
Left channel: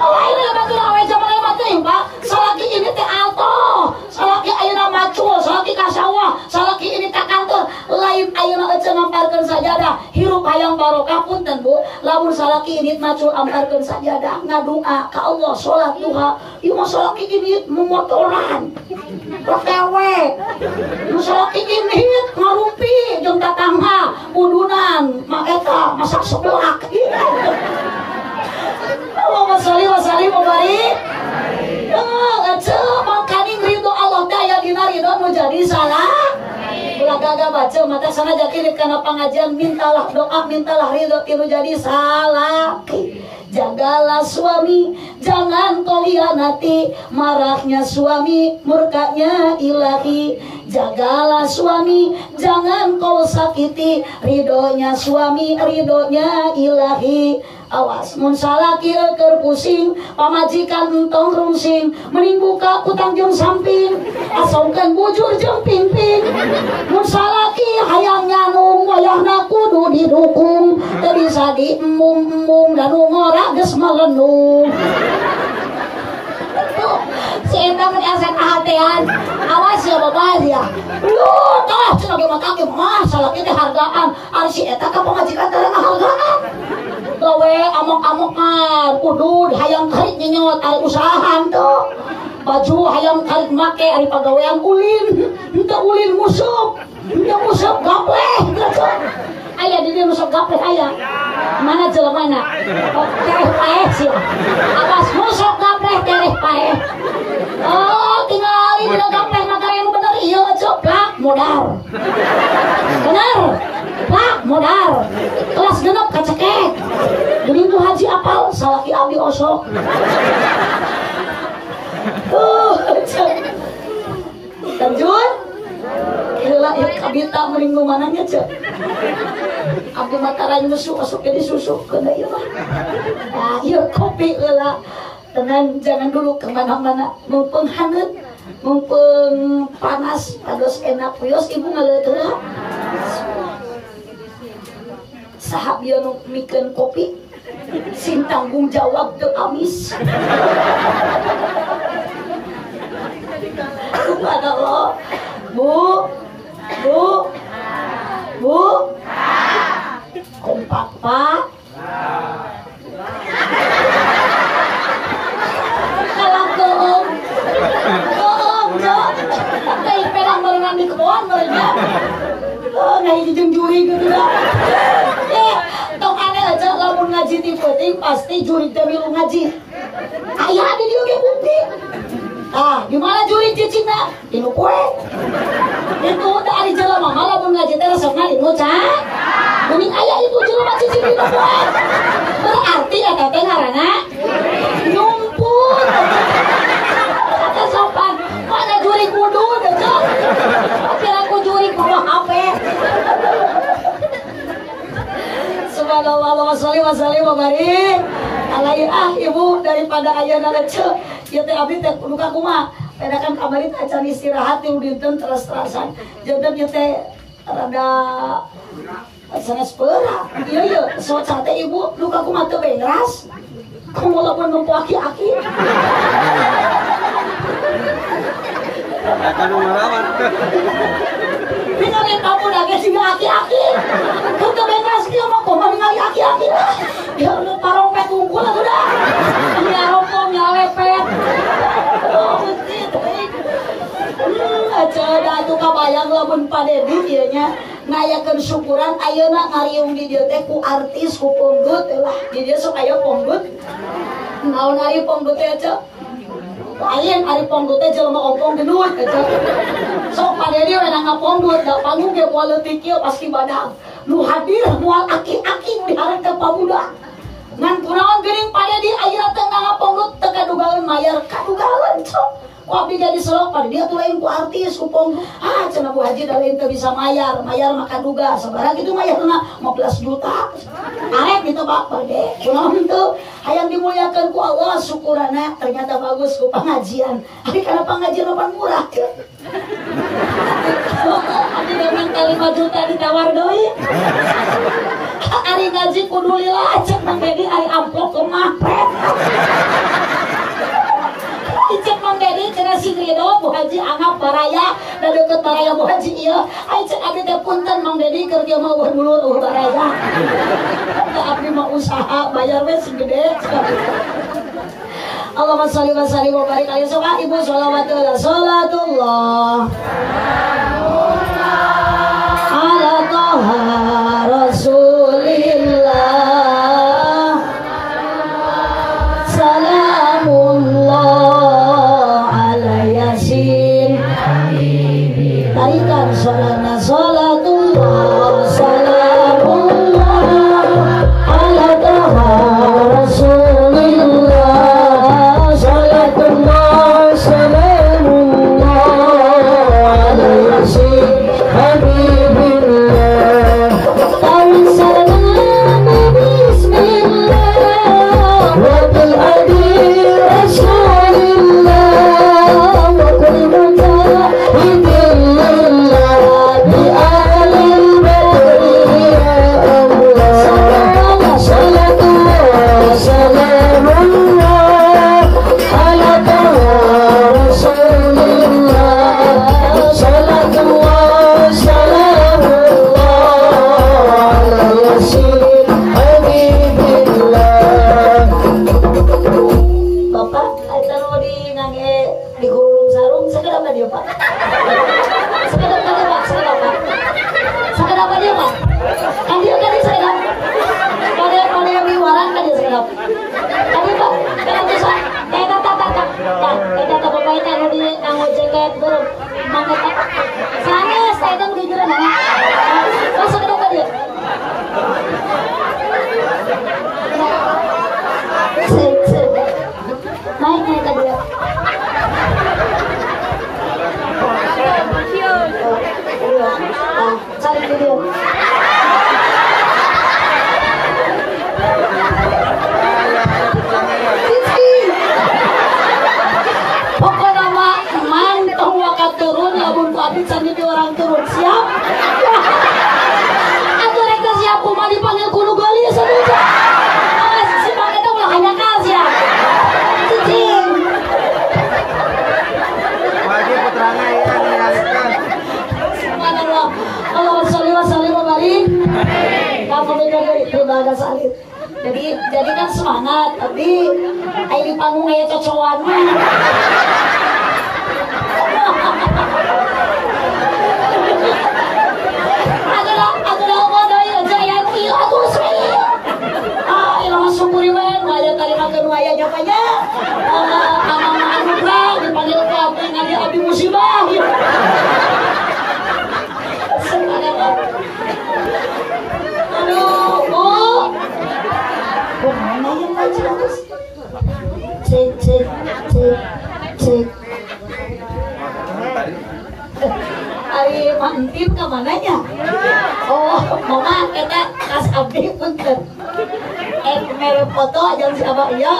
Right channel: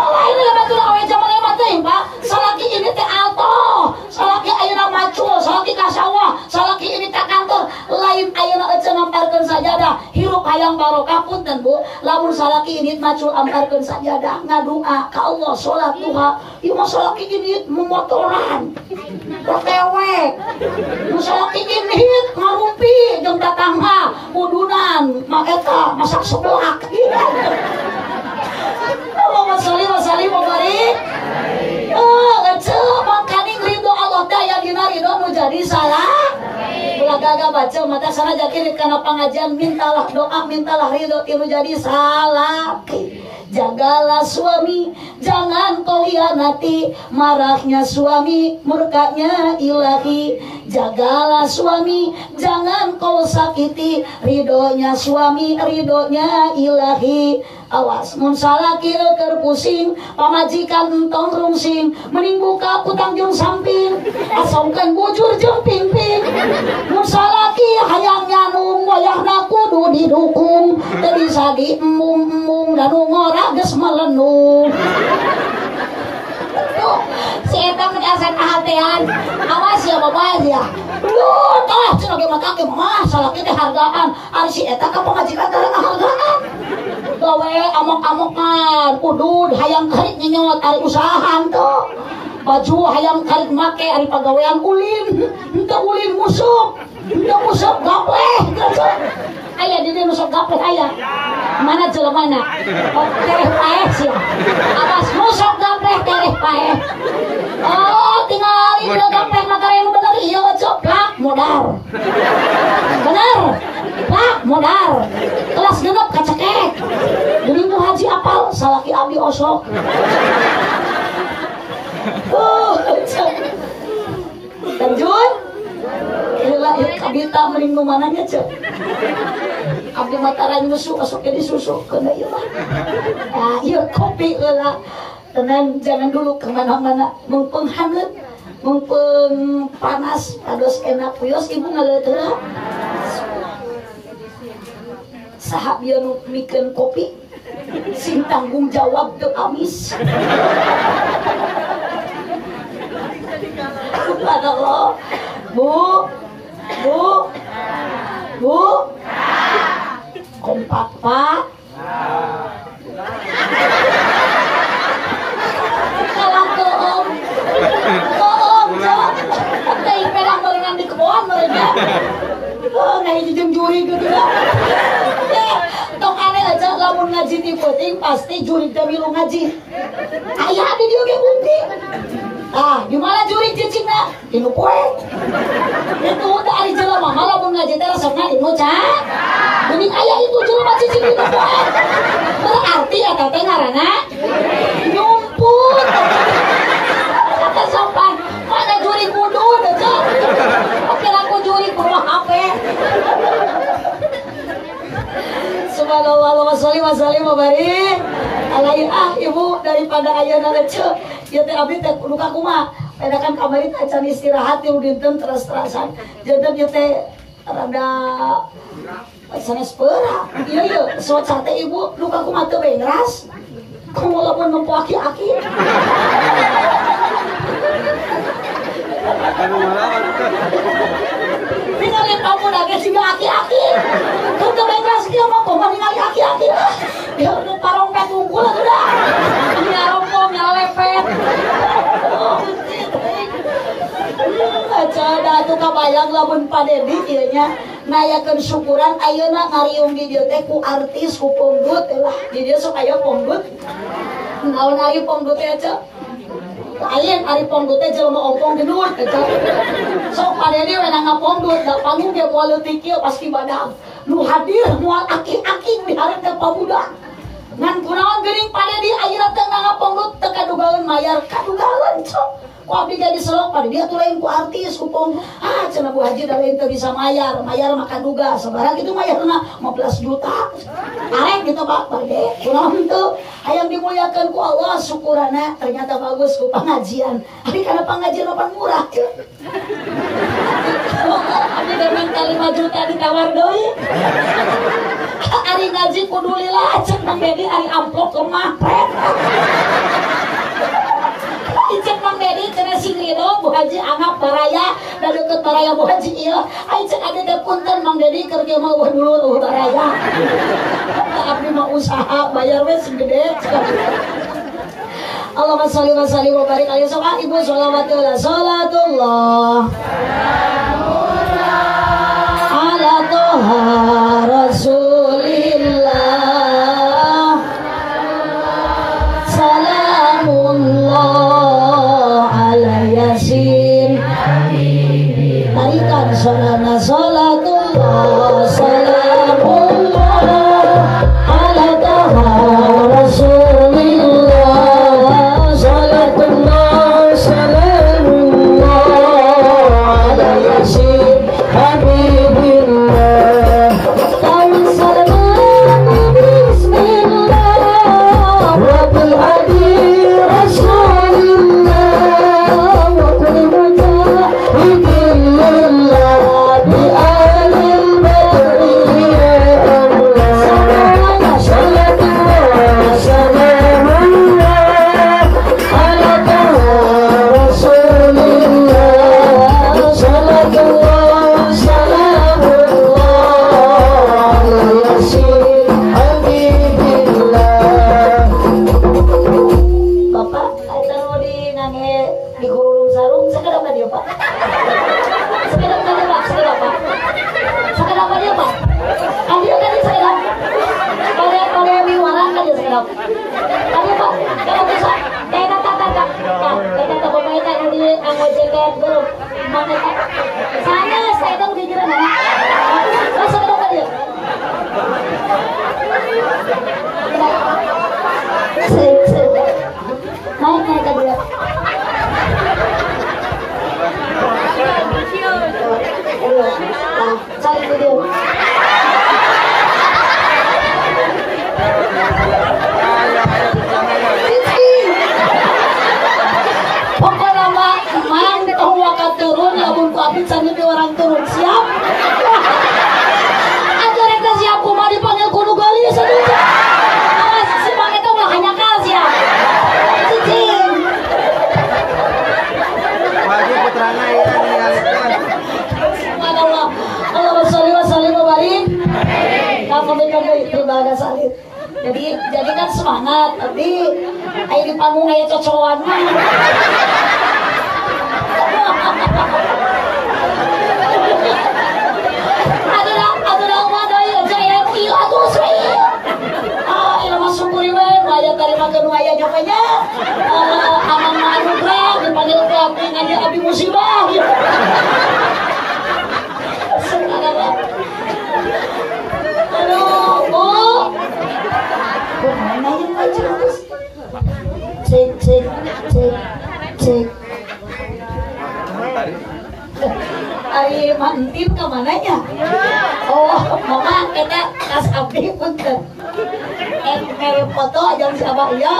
ini bagi awe zaman hebat teh Pak salaki ini teh alto salaki ayeuna macul salaki kasawah salaki ini tak kantor lain ayeuna ece ngamparkeun sajadah hirup hayang barokah punten Bu lamun salaki ini macul amparkeun sajadah ngadua ka Allah salat duha ieu mah salaki ini memotoran rewek salaki ini ngarumpi jeung tatangga udunan mak eta masak seblak Allahumma sholli wa sallim wa barik ece makaning ridho Allah daya dina ridho nu jadi salah ulah gagal baca mata sengaja kirit kana pangajian mintalah doa mintalah ridho tinu jadi salaki jagalah suami jangan kau hianati marahnya suami murkanya ilahi jagalah suami jangan kau sakiti ridhonya suami ridhonya ilahi awas mun salaki keur pusing pamajikan entong rungsing mending buka ku tangjung samping asongkeun bujur jeung pingping mun salaki hayang nyanung wayahna kudu didukung teu bisa diembung-embung dan ngora geus melenung si eta mun asep ahatean awas ya babas ya lu tah cenah ge mata ge mah salaki teh hargaan ari si eta ka pamajikan teh hargaan gawe amok-amokan udud hayang karit nyenyot ari usahaan tuh baju hayang karit make ari pagawean ulin henteu ulin musuh henteu musuh gapleh aya di dieu musuh gapleh aya mana jelemana tereh paeh sia atas musuh gapleh tereh paeh oh tinggal ieu gapleh makare yang bener ieu coplak modal bener plak modal kelas genep kacekek Gering haji apal salaki abdi osok lanjut heula ieu kabita melinggung mananya cek abdi matarain musuh asup ke disusupkeun ieu mah ah ieu kopi heula tenan jangan dulu kemana-mana mumpung hangat mumpung panas pados enak pios ibu ngaleuteuh sahab ieu nu mikeun kopi sing tanggung jawab teu amis subhanallah bu kompak pak kalah keum jok teh perang barengan di kebon mereka ngai jeung juri gitu tong aneh aja lamun ngaji di penting pasti juri teh milu ngaji aya di dieu ge bukti di mana juri cicingna dinu poe itu da ari jelema mah lamun ngaji teh resepna dinu ca mun gitu kan. Berarti ya teh ngaranna nyumput. Kata sopan, mana juri kudu dekat. Oke aku juri bawa HP. Subhanallah wa sallim wa barik. Alain ibu daripada ayeuna leceu. Ieu teh abdi teh luka kumaha. Pedakan kamari teh can istirahat yang dinten terus-terusan. Janten ieu teh rada sanes peura. Ieu soca teh ibu luka kumaha teu bengras. Kamu lamun nempo aki-aki. Ningali kamu nage siga aki-aki. Kudu bengras kieu mah kok ningali aki-aki. Ya nu parong pet unggul sudah. Nya rompong nyalepet. Acara atuh kabayang lamun Padedi ieu nya nayakeun syukuran ayeuna ngariung di dieu teh ku artis ku ponggut lah. Di dieu sok aya ponggut. Naon ari ponggut teh aja. Lain ari ponggut teh jelema ompong gendut aja. Sok Padedi we ngaponggut da panggung ge moal leutik kieu pasti badag. Nu hadir moal aki-aki di hareup teh pabudak. Ngan kunaon geuning Padedi ayeuna teh ngaponggut teu kadugaeun mayar kadugaeun sok. Ku abdi jadi selok pada dia tuh lain ku artis ku ponggut. Cenah Bu Haji da lain teu bisa mayar mah kaduga sabarang kitu mayarna 15 juta. Arek gitu Pak Bade. Kunaon teu hayang dimuliakeun ku Allah syukurana ternyata bagus ku pengajian. Ari kana pengajian opan murah teu. Abi demen 5 juta ditawar deui. Ari ngaji kudu lila cenah jadi ari amplop kemapret. Icek Mang Dedi cenah sing Ridho Bu Haji anggap baraya da deukeut baraya Bu Haji ieu. Ai cek abdi teh punten Mang Dedi keur kieu mah dulu baraya. Abdi mah usaha bayar we sing gede. Allahumma sholli wa sallim wa barik alaihi sok ibu sholawatullah ala toha rasulillah. Tarikan sholana sholatullah salamullah ala taha rasulillah sholatullah salamullah ala yasin habibillah salam bismillah wa bil adi rasulillah wa bil Jadi kan semangat, tapi ayo di panggung ayo cocokan mah. Aduh mana ya jaya kieu atuh saya. Ieu mah syukuri we, aya kalimakeun aya nyapanya. Amang anugrah dipanggil ka abdi ngadi abdi musibah. Subhanallah. Aduh, Bu. entin ke mananya? Oh, mama kita kas abdi punten. Mere foto jeung siapa ieu?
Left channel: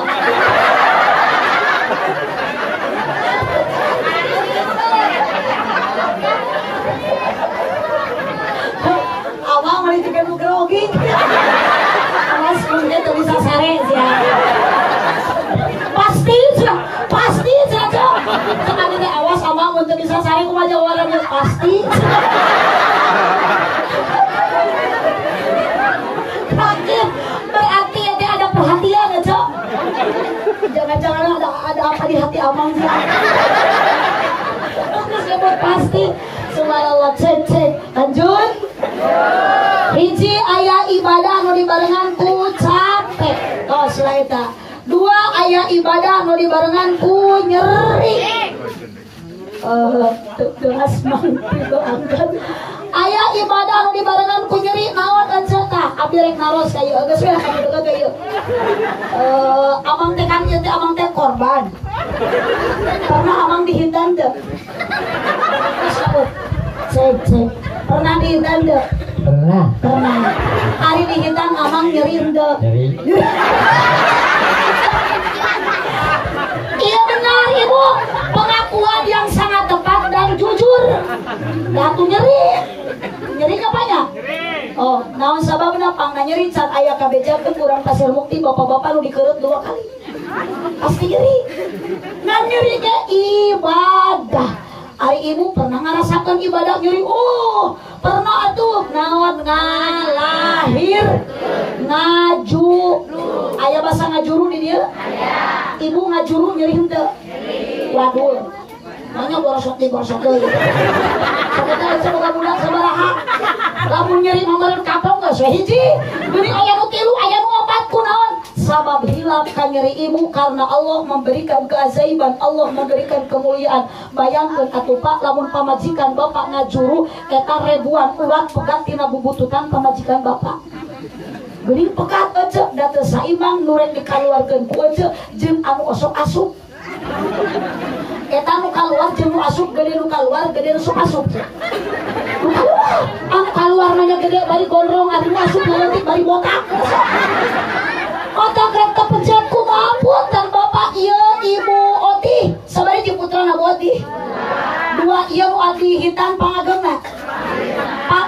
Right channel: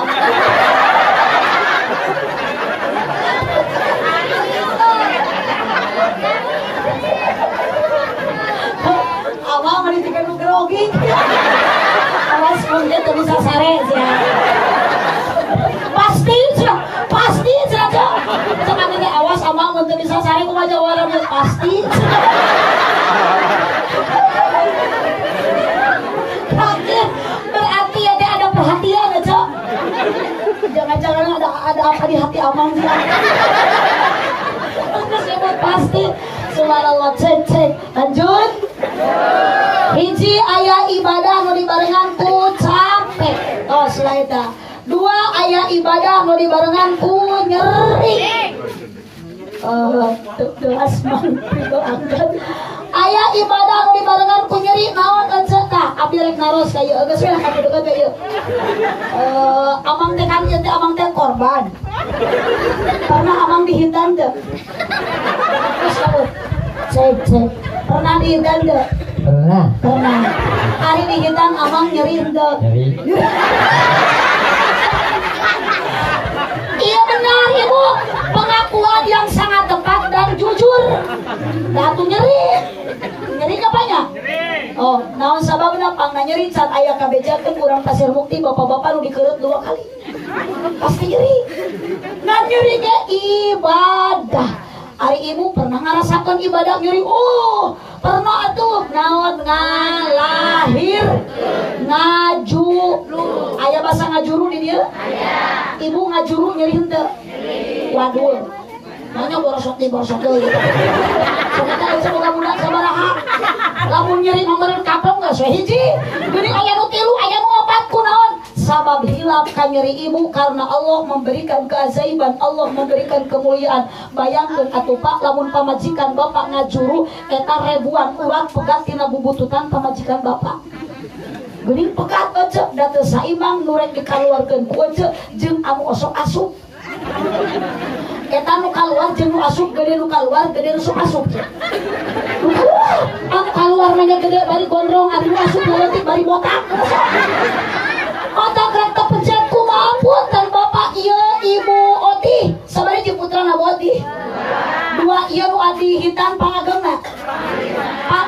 Awang mah ditekan grogi. Awas mun teu bisa sare sia. Pasti saja. Sekali teh awas awang mun teu bisa sare kumaha jawabannya pasti. Berarti ada perhatian ya, Cok. Jangan-jangan ada apa di hati Amang sih. Terus sebut pasti. Subhanallah, cek. Lanjut. Hiji aya ibadah nu dibarengan ku capek. Oh, selaita. Dua aya ibadah nu dibarengan ku nyeri. Tugas mangga angkat. Aya ibadah nu dibarengan ku nyeri naon eceuk tah? Abdi rek naros ka ieu geus we ka deukeut ka ieu. Amang teh kan ieu teh amang teh korban. Pernah amang dihindan teu? Cek. Pernah dihindan teu? Pernah. Ari dihindan amang nyeri teu? Nyeri. Iya benar Ibu, pengakuan yang sangat tepat dan jujur. Datu nyeri apanya? Oh, naon sababna pangna nyeri can aya kabejakeun urang Pasir Mukti bapak-bapak nu dikereut 2 kali. Pasti nyeri. Nah nyerinya ibadah. Ari Ibu pernah ngarasakeun ibadah nyeri? Oh, pernah atuh. Naon ngalahir, ngajuru. Aya basa ngajuru di dieu? Aya. Ibu ngajuru nyeri henteu? Waduh. Mana borosok deui. Sakita semoga budak sabaraha. Lamun nyeri mangeureun kapong geus hiji. Beuring aya nu 3, aya nu 4 kunaon? Sabab hilap ka nyeri Ibu karena Allah memberikan keajaiban, Allah memberikan kemuliaan. Bayangkeun atuh Pak, lamun pamajikan Bapak ngajuru eta ribuan urang pegat tina bubututan pamajikan Bapak. Geuning pegat eceuk da teu saimbang nu rek dikaluarkeun ku eceuk jeung anu osok asup. Eta nu kaluar jeung nu asup gede nu kaluar gede nu sok asup. Anu kaluar nanya gede bari gondrong ari asup leutik bari botak. Otak rek kepencet kumaha punten Bapak ieu Ibu Oti sabari di putrana Oti. 2 ieu nu adi hitan pangageuna.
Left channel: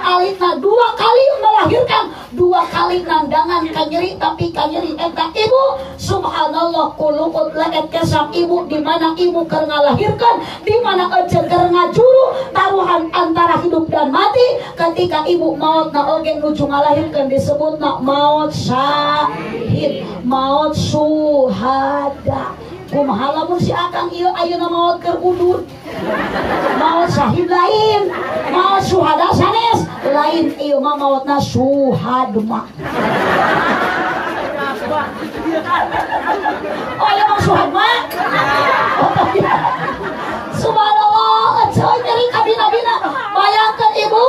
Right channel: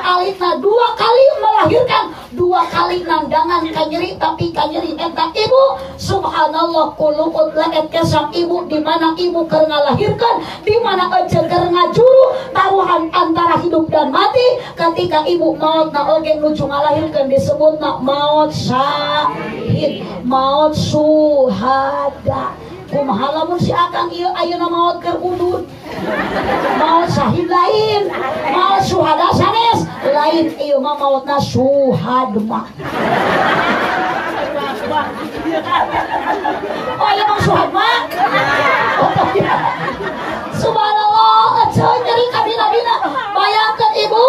Alitna 2 kali melahirkan, 2 kali nandangan ka nyeri tapi ka nyeri eta Ibu subhanallah kuluut laet kesam Ibu di mana Ibu keur ngalahirkan, di mana eceuk keur ngajuru taruhan antara hidup dan mati. Ketika Ibu mautna oge nuju ngalahirkeun disebutna maut syahid, maut syuhada. Kumaha lamun si Akang ieu ayeuna maot keur udud. Maot syahid lain, maot syuhada sanes lain, ieu mah maotna syuhad mah. Oh ieu mah syuhad mah. Oh iya. Subhanallah, eceuk nyeri ka dina-dina. Bayangkeun Ibu,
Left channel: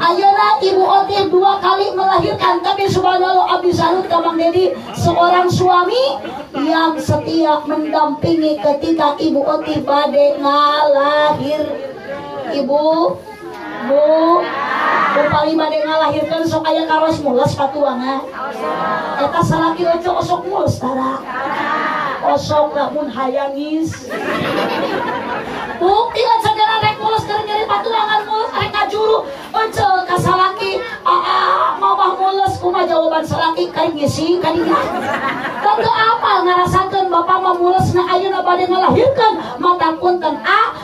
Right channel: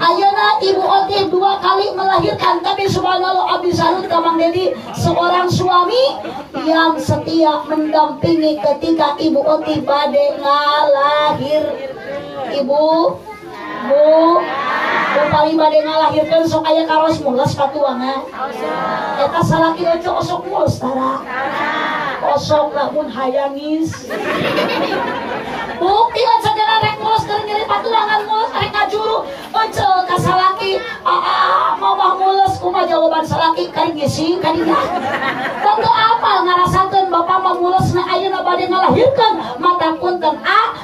ayeuna Ibu Oti 2 kali melahirkan, tapi subhanallah abdi salut ka Mang Dedi, seorang suami yang setia mendampingi ketika Ibu Oti bade ngalahir. Ibu paling bade ngalahirkeun sok aya karos mules patuangan. Eta salaki ojo osok mules tara. Osok lamun hayanis. Bukti cenah rek mules keur nyeri patuangan mules rek ngajuru. Ojo ka salaki, mamah mules kumaha jawaban salaki kari ngisi kadinya. Teu apal ngarasakeun bapak mah mulesna ayeuna bade ngalahirkeun mata punten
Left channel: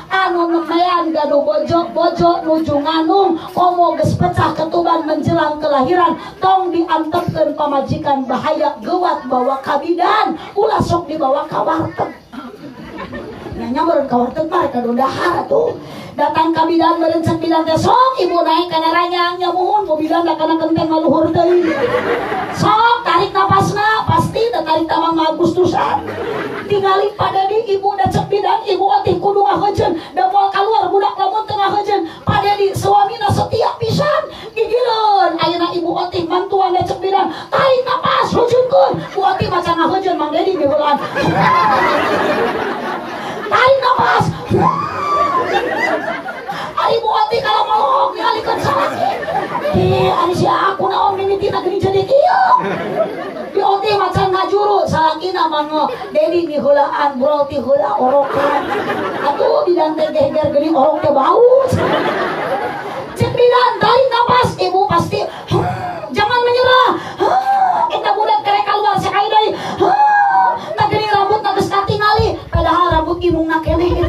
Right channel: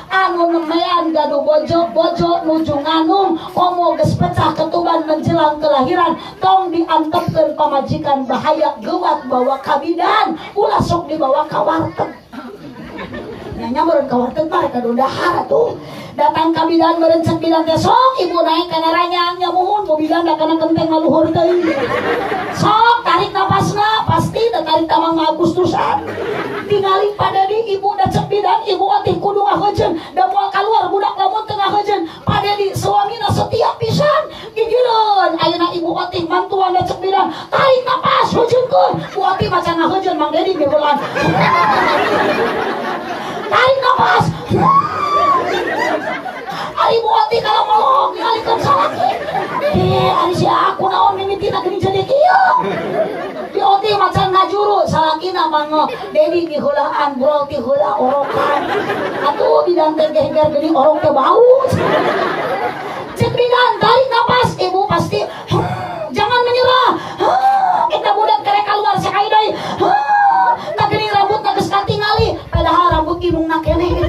anu nemean gaduh bojo nuju nganung komo geus pecah ketuban menjelang kelahiran tong diantepkeun pamajikan bahaya geuwat bawa kabidan ulah sok dibawa ka warteg. Nya meureun ka warteg mah rek dahar atuh. Datang kabidan meureun cek bidan teh sok Ibu naik kana ranyang nya muhun ku bidan da kana genteng ngaluhur teuing. Sok tarik napasna pasti da tarik tamang Agustusan. Tingali pada di Ibu da cek bidan Ibu Oti kudu ngaheujeun da moal kaluar budak lamun teu ngaheujeun pada di suamina setia pisan gigireun. Ayeuna Ibu Oti mantuan da cek bidan tarik napas heujeunkeun. Bu Oti maca ngaheujeun Mang Dedi geulan. Tarik napas. Ari Bu Oti kalau melong ningali ani si aku naon mimitina geuning jadi kieu. Di ote macan ngajuru salakina mangga Dedi di heulaan bro ti heula orokan. Atuh bidanteng geger geuning orok teh bau. Cek bidan tarik napas ibu pasti jangan menyerah. Kita budak kerek keluar sekali deui. Tak geuning rambut tak geus katingali padahal rambut imungna keneh.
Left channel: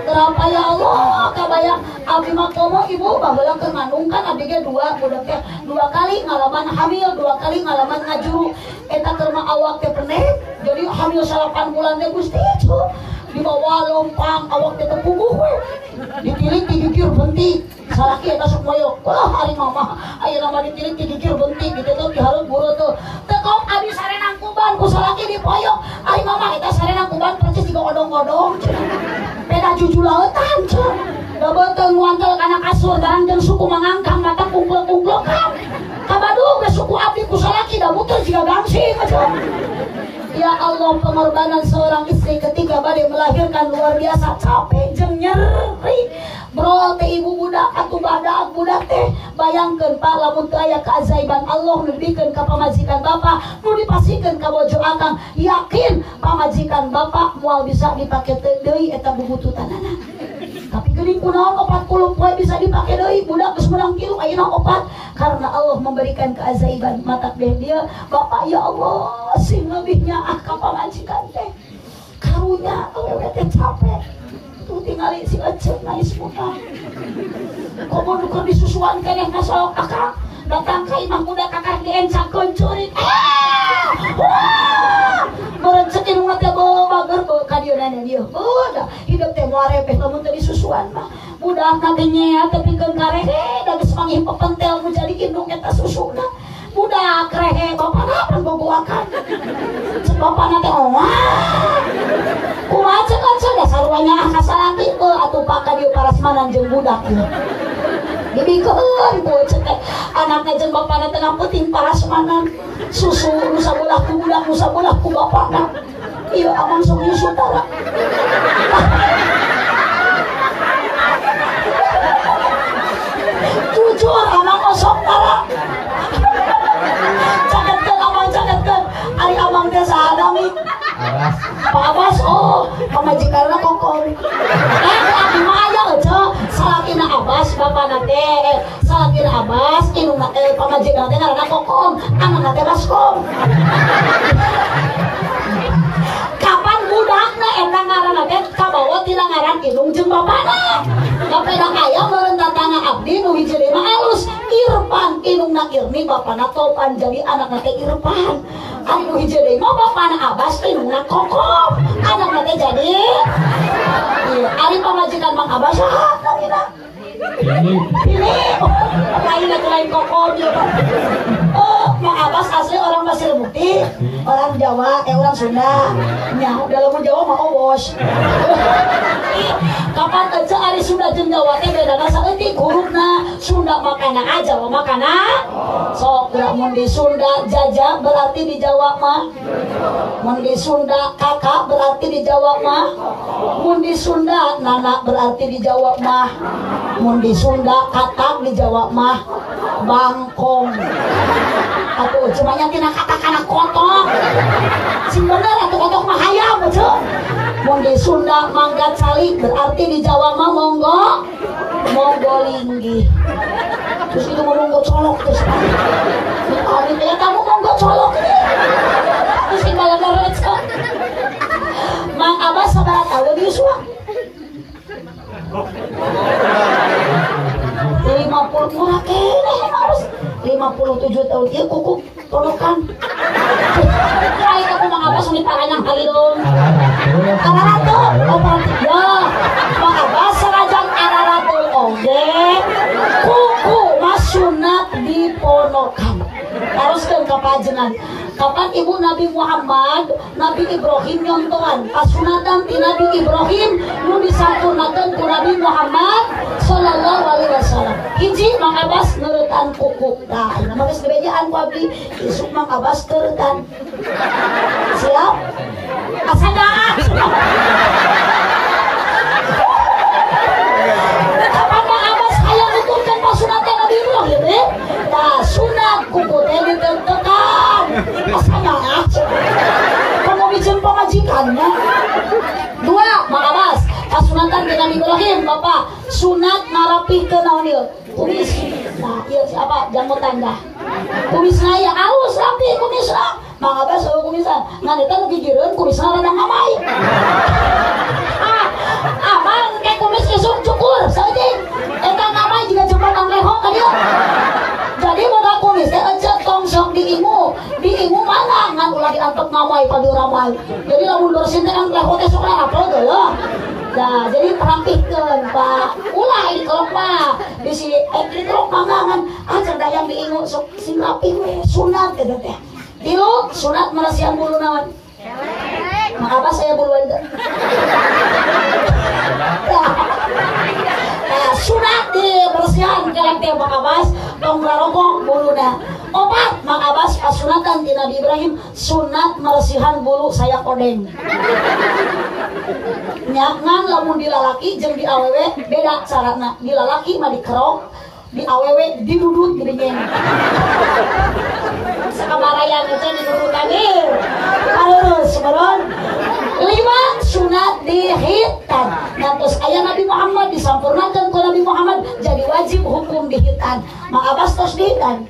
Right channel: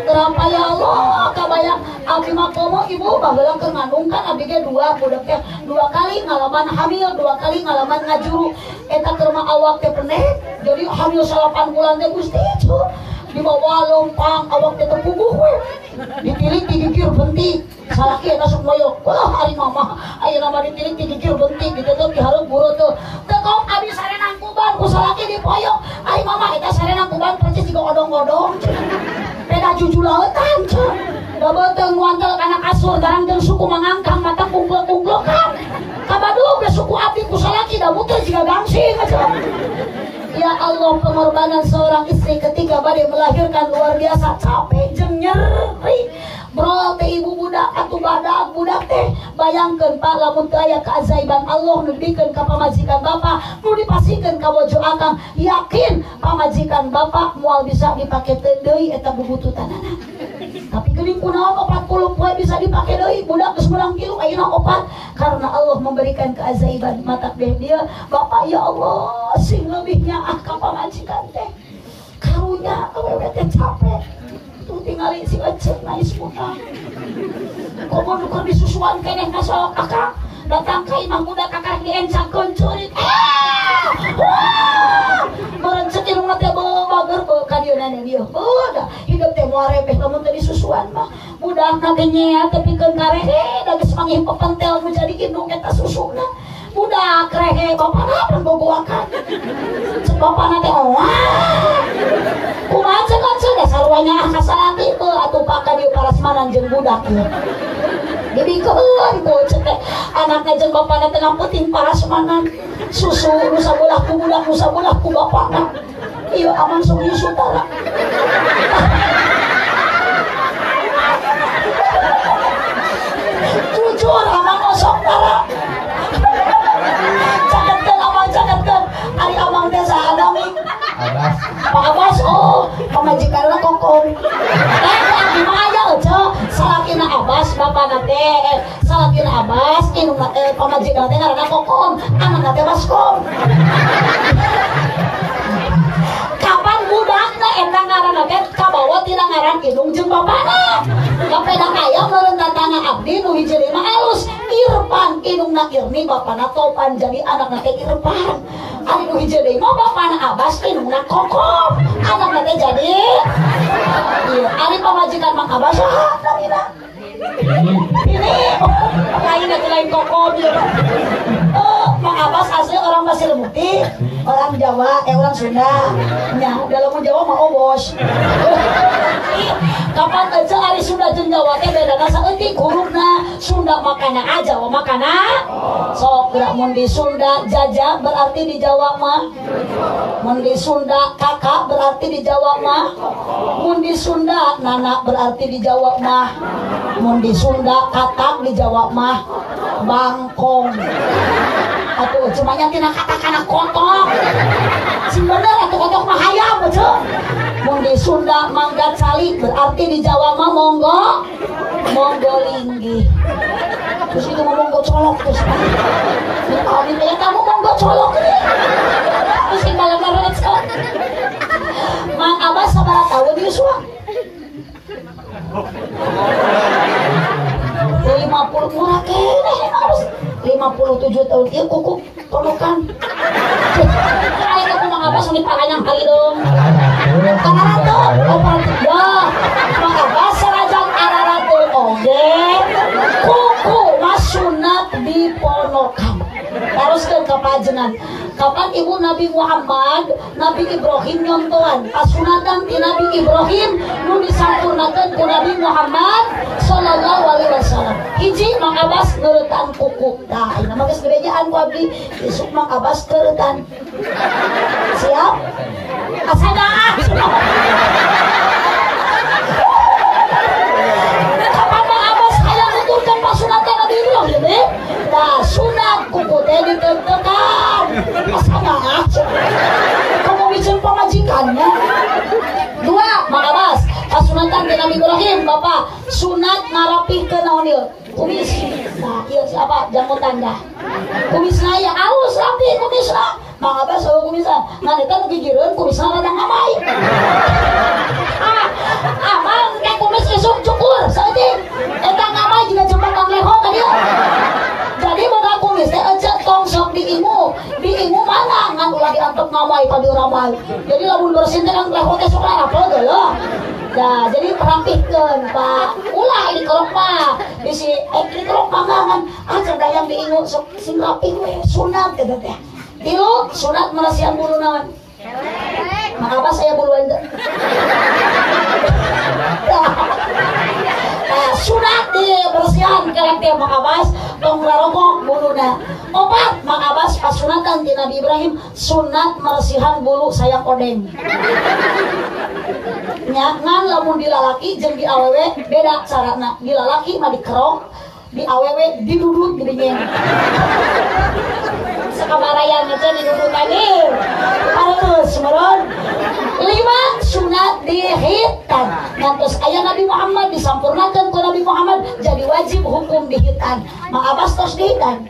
Kenapa ya Allah kabayang abdi mah komo ibu baheula keur ngandungkan abdi ge dua budak teh 2 kali ngalaman hamil 2 kali ngalaman ngajuru eta keur mah awak teh pendek jadi hamil 8 bulan teh Gusti dibawa lompang awak teh puguh we ditilik digigir bentik salaki eta sok moyok ari mama ayeuna mah ditilik digigir bentik ditutup dihareup buru tuh tekok abdi sarenang kuban ku salaki dipoyok ari mama eta sarenang kuban percis jiga odong-odong peda jujulautan cok dabeteng muantel kana kasur garang jeung suku mangangkang mata kunglok-kunglokan kabadu ge suku abdi ku salaki da muter jiga gangsing cok. Ya Allah, pengorbanan seorang istri ketika bade melahirkan luar biasa capek jeung nyeri. Bro teh ibu budak atuh badak budak teh bayangkeun Pak lamun teu aya keajaiban Allah nu dibikeun ka pamajikan Bapak nu dipasikeun ka bojo akang yakin pamajikan Bapak moal bisa dipake teu deui eta bubututanana. Tapi geuning kunaon 40 poe bisa dipake deui budak geus meunang kilu ayeuna 4 karena Allah memberikan keajaiban mata deh dia Bapak ya Allah sing lebihnya ka pamajikan teh karunya awewe teh capek tuh tingali si ecek nais muka komo nuker disusuan keneh masalah kakak datang ka imah muda kakak diencakeun curit merencet ilmu teh bager ka dieu nanya dia udah hidup teh moal repeh lamun teu disusuan mah budakna teh nyea tepikeun karehe da geus manggih pepentel nu jadi indung eta susuna budak rehe bapana pun bogoakan cek bapana teh kumaha cek da sarwanya kasalaki teu atuh paka dieu parasmanan jeung budak ieu dibikeun tuh cek anakna jeung bapana teh ngameuting parasmanan susu nu sabelah ku budak nu sabelah ku bapana ieu aman sok saudara jujur aman saudara cagetkeun ari abang teh saha nami Abbas Pak Abbas oh pamajikanna kokong abdi mah aya ece salakina Abbas bapana teh salakina Abbas indungna teh pamajikanna teh ngaranna kokong anakna teh baskom kapan budakna eta ngaranna teh kabawa tina ngaran indung jeung bapana kapeda aya meureun tatana abdi nu hiji mah alus Irfan indungna Irni bapana Topan jadi anakna teh Irfan ari nu hiji deui mah bapana Abbas indungna Kokong anakna teh jadi ari pamajikan Mang Abbas saha pilih lain Kokong Mang Abbas asli orang Pasir Putih orang Jawa orang Sunda nya dalam Jawa mah owos kapan aja ari Sunda jeung Jawa teh bedana saeutik hurufna Sunda makana A Jawa makana sok mun di Sunda jajah berarti di Jawa mah mun di Sunda kakak berarti di Jawa mah mun di Sunda nana berarti di Jawa mah mun di Sunda katak di Jawa mah bangkong atuh cuma nya tina kata-kata kotok sing bener atuh kotok mah hayam bejo mun di Sunda mangga cali berarti di Jawa mah monggo linggih terus itu monggo colok terus ya ari teh kamu monggo colok terus kalau ngerecok Mang Abbas sabaraha tahun di Yusua 50 murah keneh harus 57 tahun ieu kuku tolokan kali aku Mang Abbas sami tangan kali dong araratul dah Mang Abbas sarajang araratul oge kuku mas sunat diponokan teruskeun ka pajengan kapan ibu Nabi Muhammad Nabi Ibrahim nyontohan pasunatan ti Nabi Ibrahim nu disampurnakeun ku Nabi Muhammad sallallahu alaihi wasallam hiji Mang Abbas ngeuretan kuku tah ieu mah geus dibejaan ku abdi isuk Mang Abbas keuretan siap asadaan kapan Mang Abbas hayang nuturkeun pasunatan kumis. Nah, iya siapa? Jamu tanda. Kumisna ya halus rapi kumisna. Mangga bas kumisan. Ngan eta nu gigireun kumisna ledang amai. Amang kayak kumis isuk cukur saeutik. Eta amai juga cepat angleho ka dieu. Jadi boga kumis teh ecet kongsong diimu mana ngan ulah diantuk ngamai ka dieu ramai. Jadi lamun dosen teh angleho teh sok apel geuleuh. Nah, jadi perampihkeun Pak. Ulah ini kolok mah. Di si ini kolok mangangan aja dayang diingu sok sing rapi we sunat teh teh. Tilu sunat marasian bulu naon? Maka apa saya bulu ende? Sunat di bersihan kelek teh Mak Abbas tong rarokok buluna. Opat Mak Abbas pasunatan ti Nabi Ibrahim sunat marsihan bulu sayang odeng. Nyaman lamun di lalaki jeung di awewe beda carana. Di lalaki mah dikerok, di awewe didudut geuningan. Sakamarayan aja didudut lagi. Harus meron. 5 sunat dihitan. Ngantos aya Nabi Muhammad disampurnakeun ku Nabi Muhammad jadi wajib hukum dihitan. Mak Abbas tos dihitan.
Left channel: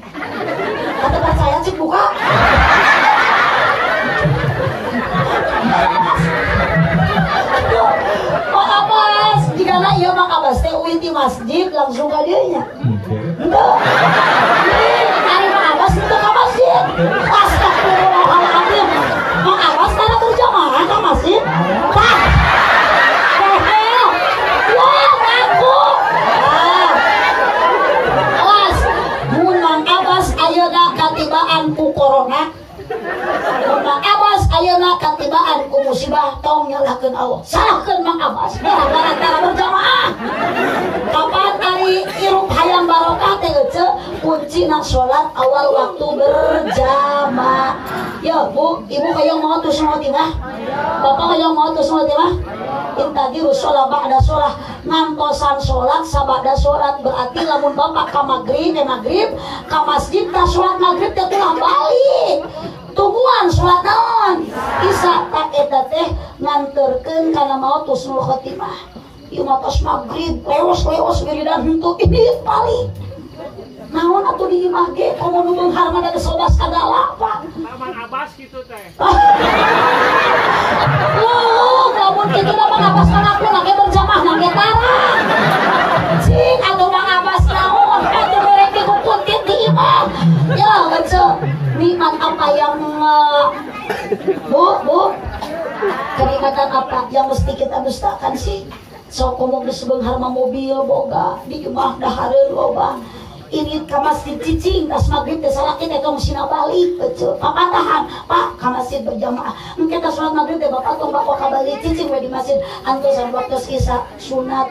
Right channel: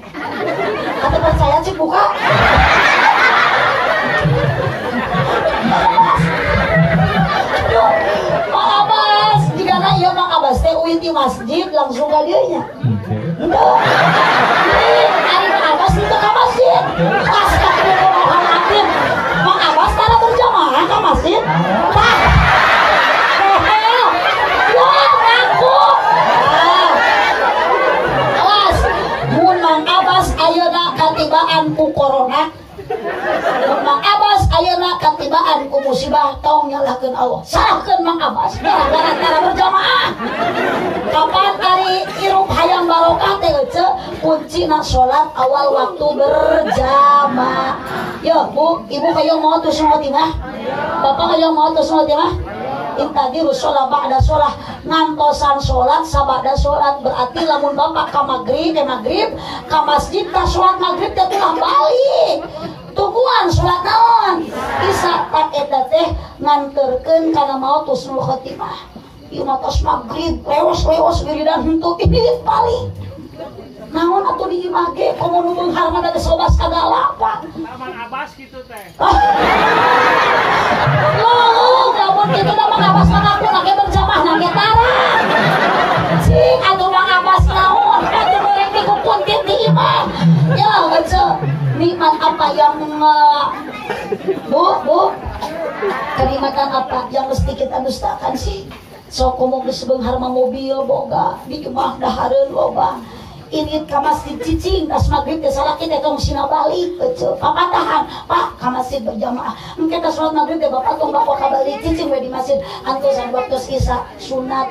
Atuh percaya cik buka. Iya Mak Abbas teh uin di masjid langsung ka dieu nya. Henteu. Ari Mak Abbas itu ka masjid. Astagfirullahaladzim. Mak Abbas kana berjamaah ka masjid. Tah. Ya ngaku. Awas. Mun Mak Abbas ayeuna katibaan ku corona. Mak Abbas ayeuna katibaan ku musibah tong nyalahkeun Allah. Salahkeun Mak Abbas. Gara-gara berjamaah. Kapan hari irup hayam barokah teh ece kuncina salat awal waktu berjamaah. Yo Bu, Ibu hayang mau tuh semua timah? Bapak hayang mau tuh semua timah? Intadiru sholat ba'da sholat ngantosan sholat sabada sholat berarti lamun bapak ka maghrib ka masjid ka sholat maghrib teh telah balik. Tungguan sholat naon isa tak eta teh nganterkeun kana maot husnul khotimah. Ieu mah tos maghrib leos wiridan henteu ini balik. Naon atuh di imah ge komo nu beunghar mah da sobas segala apa. Taman Abbas kitu teh. Loh, lamun kitu mah Mang Abbas ngaku nake berjamaah nake tarang. Cing atuh Mang Abbas naon atuh goreng dikukuntit di imah. Ya baca nikmat apa yang Bu kenikmatan apa yang mesti kita dustakan sih? Sok ngomong di sebeunghar mah mobil boga di imah dahareun loba. Ini ka masjid cicing tas maghrib teh salaki teh tong sina balik betul. Papa tahan, Pak ka masjid berjamaah. Engke tas salat maghrib teh bapak tong bapak ka balik cicing we di masjid antosan waktu isya sunat.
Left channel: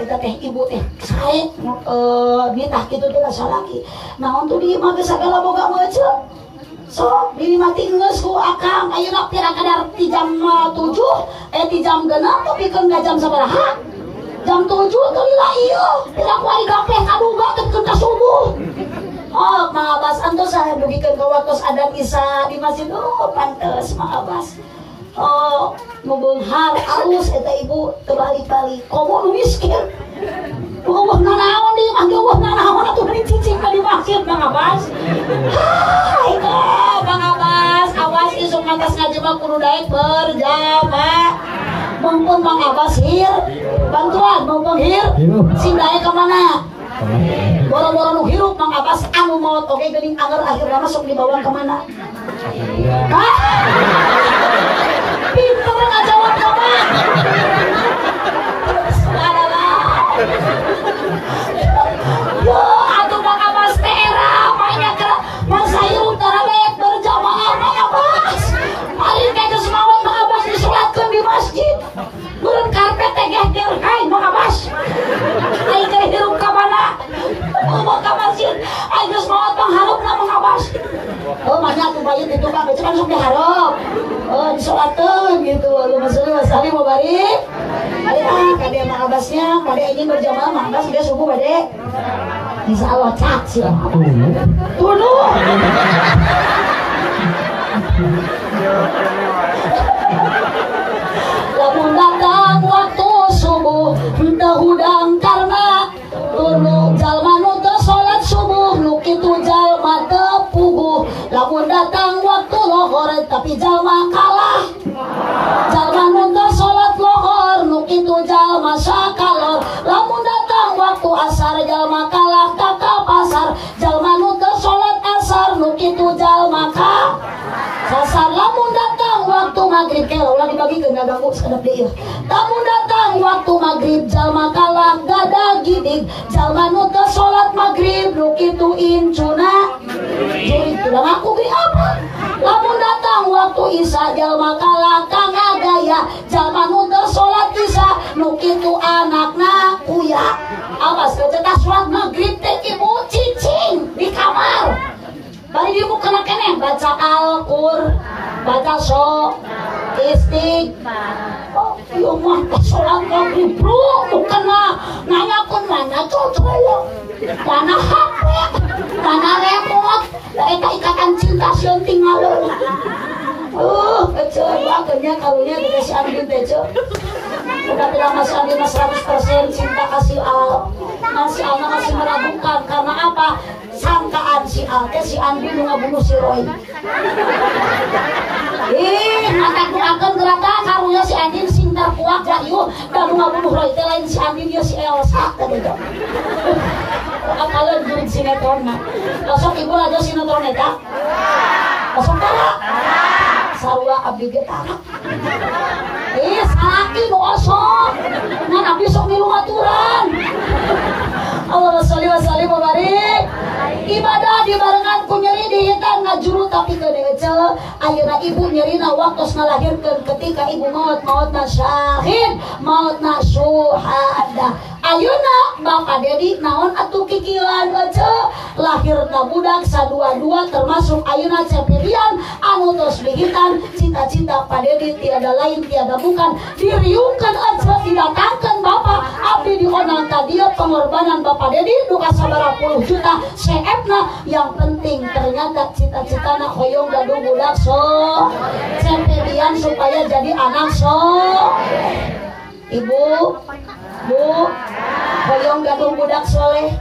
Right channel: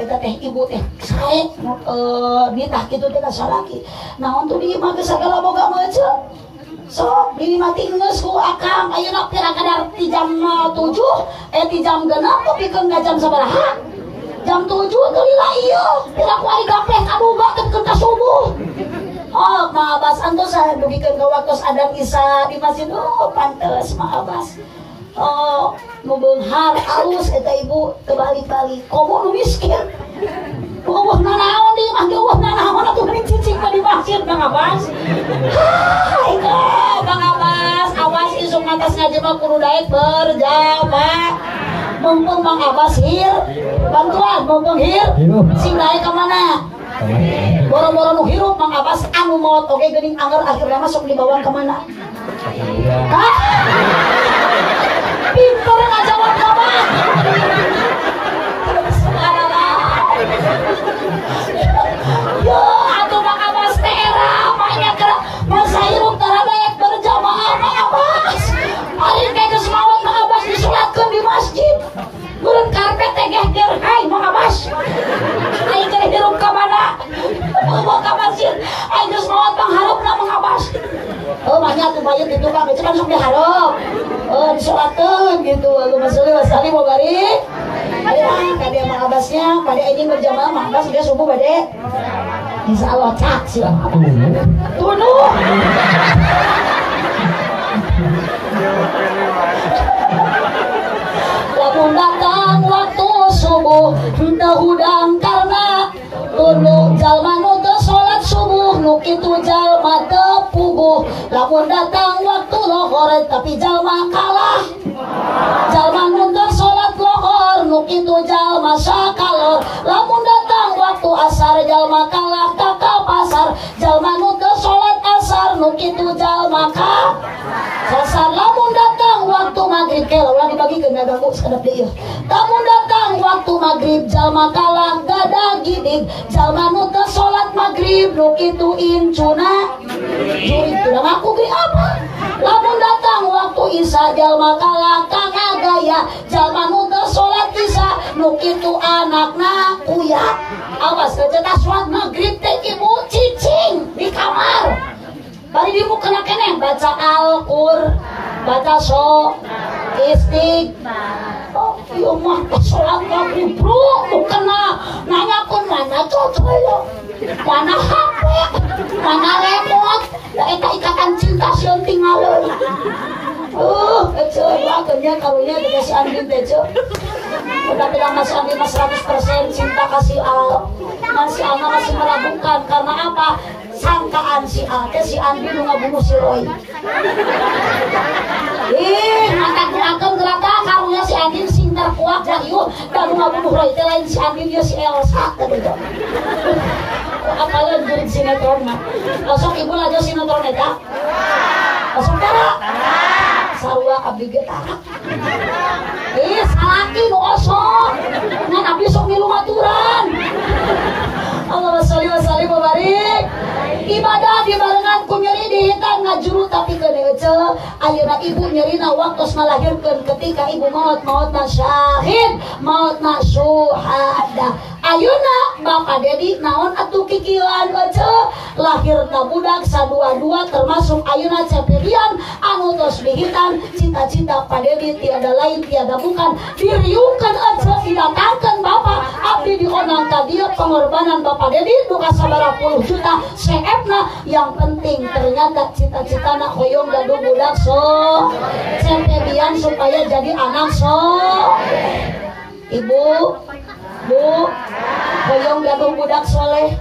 Eta teh ibu teh sae nitah kitu teh salaki. Naon tuh di imah teh sagala boga meuceut. So, dimati ngeus ku akang ayeuna kira-kira ti jam 7 ti jam 6 tapi kan jam sabaraha? Jam 7 kelila ieu. Pira ku ari gapleh kaduga teh ka subuh. Oh, Mang Abbas antos saya dugikeun ka waktu adan Isya di masjid. Oh, pantes Mang Abbas. Oh, nu beunghar alus eta ibu teu balik-balik. Komo nu miskin. Wah, nanaon di mah wah nanaon atuh di cicing di masjid Mang Abbas. Hai, Mang Abbas, awas isuk atas ngajema kudu daek berjamaah. Mumpung Mang Abbas hir, bantuan mumpung hir, sing daek ka mana? Boro-boro nu hirup Mang Abbas anu maot oge geuning anger akhirna masuk dibawa ka mana? Hah? Pinter ngajawab apa? Yo, atuh Mang Abbas teh era banyak masa hirup tara daek berjamaah Mang Abbas. Ari geus maot Mang Abbas disolatkeun di masjid. Beureun karpet teh geger hai Mang Abbas. Ai teh hirup ka mana? Bawa ka masjid. Ai geus maot pangharupna Mang Abbas. Oh, banyak tuh bayat itu Bang, itu kan sok diharap. Oh, disolatkeun gitu. Allahumma sholli wa sallim wa barik. Kade Mang Abbasnya, kade anjing berjamaah Mang Abbas dia subuh bade. Insyaallah cak sih. Tunuh. Lamun datang waktu subuh, henteu hudang karena tuluy lamun datang waktu lohor tapi jalma kalah. Jalma nu teu salat lohor nu kitu jalma sakalor. Lamun datang waktu asar jalma kalah ka pasar. Jalma nu teu salat asar nu kitu jalma ka pasar. Lamun datang waktu maghrib ke ulah dibagikeun da ganggu sadap deui. Lamun datang waktu maghrib jalma kalah gadah gidig. Jalma nu teu salat maghrib nu kitu incuna jurit urang aku ge apa. Lamun datang waktu isya jalma kalah kang agaya. Jalma nu teu salat isya nu kitu anakna kuyat. Awas cetak salat maghrib teh ibu cicing di kamar. Bari ibu kena keneh baca Al-Qur, baca istighfar. Yo mah salat maghrib bro, kena nanyakeun mana cocok. Mana HP, mana remote, da eta ikatan cinta sieun tinggalin. Kecewa kerja karunya dengan si Andin teh ce. Udah bilang Mas Andin 100% cinta kasih Al. Nah si Al masih meragukan karena apa? Sangkaan si Al teh si Andin nu ngabunuh si Roy. Mata akan geraka karunya si Andin sing terkuat jayu dan nu ngabunuh Roy teh lain si Andin ya si Elsa tadi. Kalian jurid sinetron mah. Besok ibu aja sinetron eta. Besok tara. Sarua abdi ge tara. Salaki nu osok. Ngan abdi sok milu maturan. Allahumma sholli wa sallim wa barik. Ibadah dibarengan ku nyeri di hitan ngajuru tapi keudeuh ayeuna ibu nyerina waktos ngalahirkeun ketika ibu maut syahid maut syuhada. Ayeuna Bapak Dedi naon atuh kikieuan lahirna budak sadua-dua termasuk ayeuna cepedian anu tos dihitan cita-cita Pak Dedi tiada lain tiada bukan diriungkeun aja didatangkeun Bapak abdi dionang ka dieu pengorbanan Bapak Dedi duka sabaraha puluh juta CF-na yang penting ternyata cita-citana hoyong gaduh budak cepedian supaya jadi anak Ibu hoyong gaduh budak soleh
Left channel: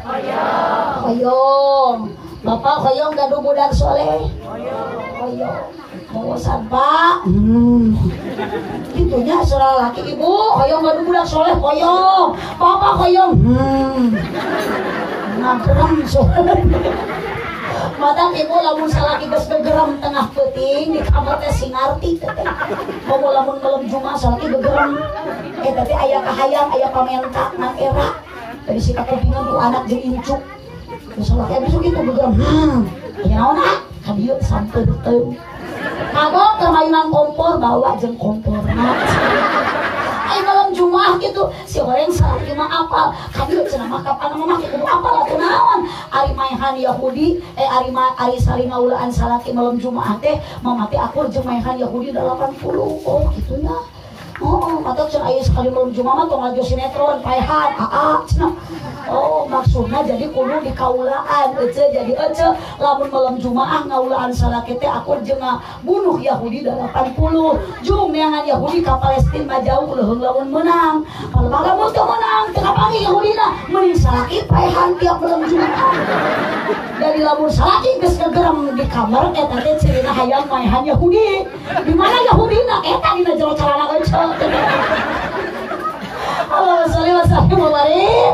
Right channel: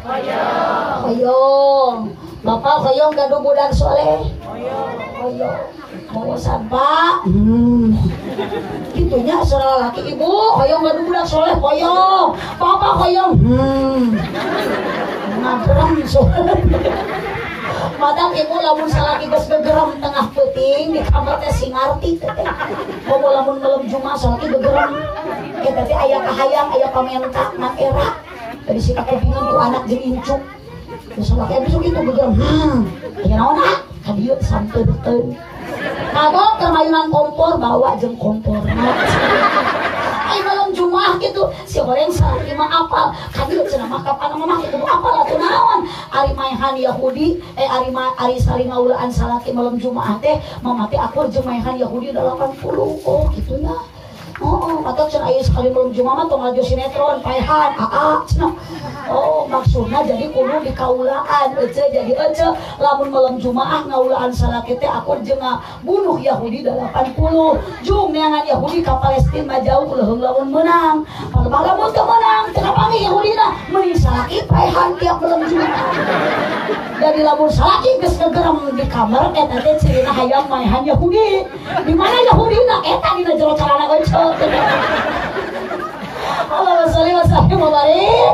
hoyong Bapak hoyong gaduh budak soleh hoyong mau Pak gitunya serah laki ibu hoyong gaduh budak soleh hoyong Bapak hoyong ngabrang soleh Madang ibu lamun salaki geus gegerem tengah peuting di kamar teh singarti teh. Komo lamun malam Jumat salaki gegerem. Eta teh aya kahayang aya pamenta ngan era. Dari sikap kebingung ku anak jeung incuk. Terus salaki besok kitu gegerem. Aya naon ah? Ka dieu sampeudeun. Kagok permainan kompor bawa jeung kompor. Ay malam Jumat gitu si goreng salaki mah apal. Ka dieu cenah mah kapan mah kitu apal atuh naon? Ari maehan Yahudi ari saling ngaulaan salaki malam Jumat teh mamati akur jeung maehan Yahudi 80 oh gitunya atau cenah aya sekali malam Jumat mah tong ngajo sinetron paehan cenah oh maksudna jadi kudu dikaulaan jadi lamun malam Jumat ngaulaan salaki teh akur jeung bunuh Yahudi 80 jung neangan Yahudi ka Palestina mah jauh leuheung lamun meunang lamun teu meunang teu kapangi Yahudina mending salaki paehan tiap malam Jumat dari lamun salaki geus gegerem di kamar eta teh cirina hayang maehan Yahudi di mana Yahudina eta dina jero carana euceuk Allahumma sholli wa sallim wa barik.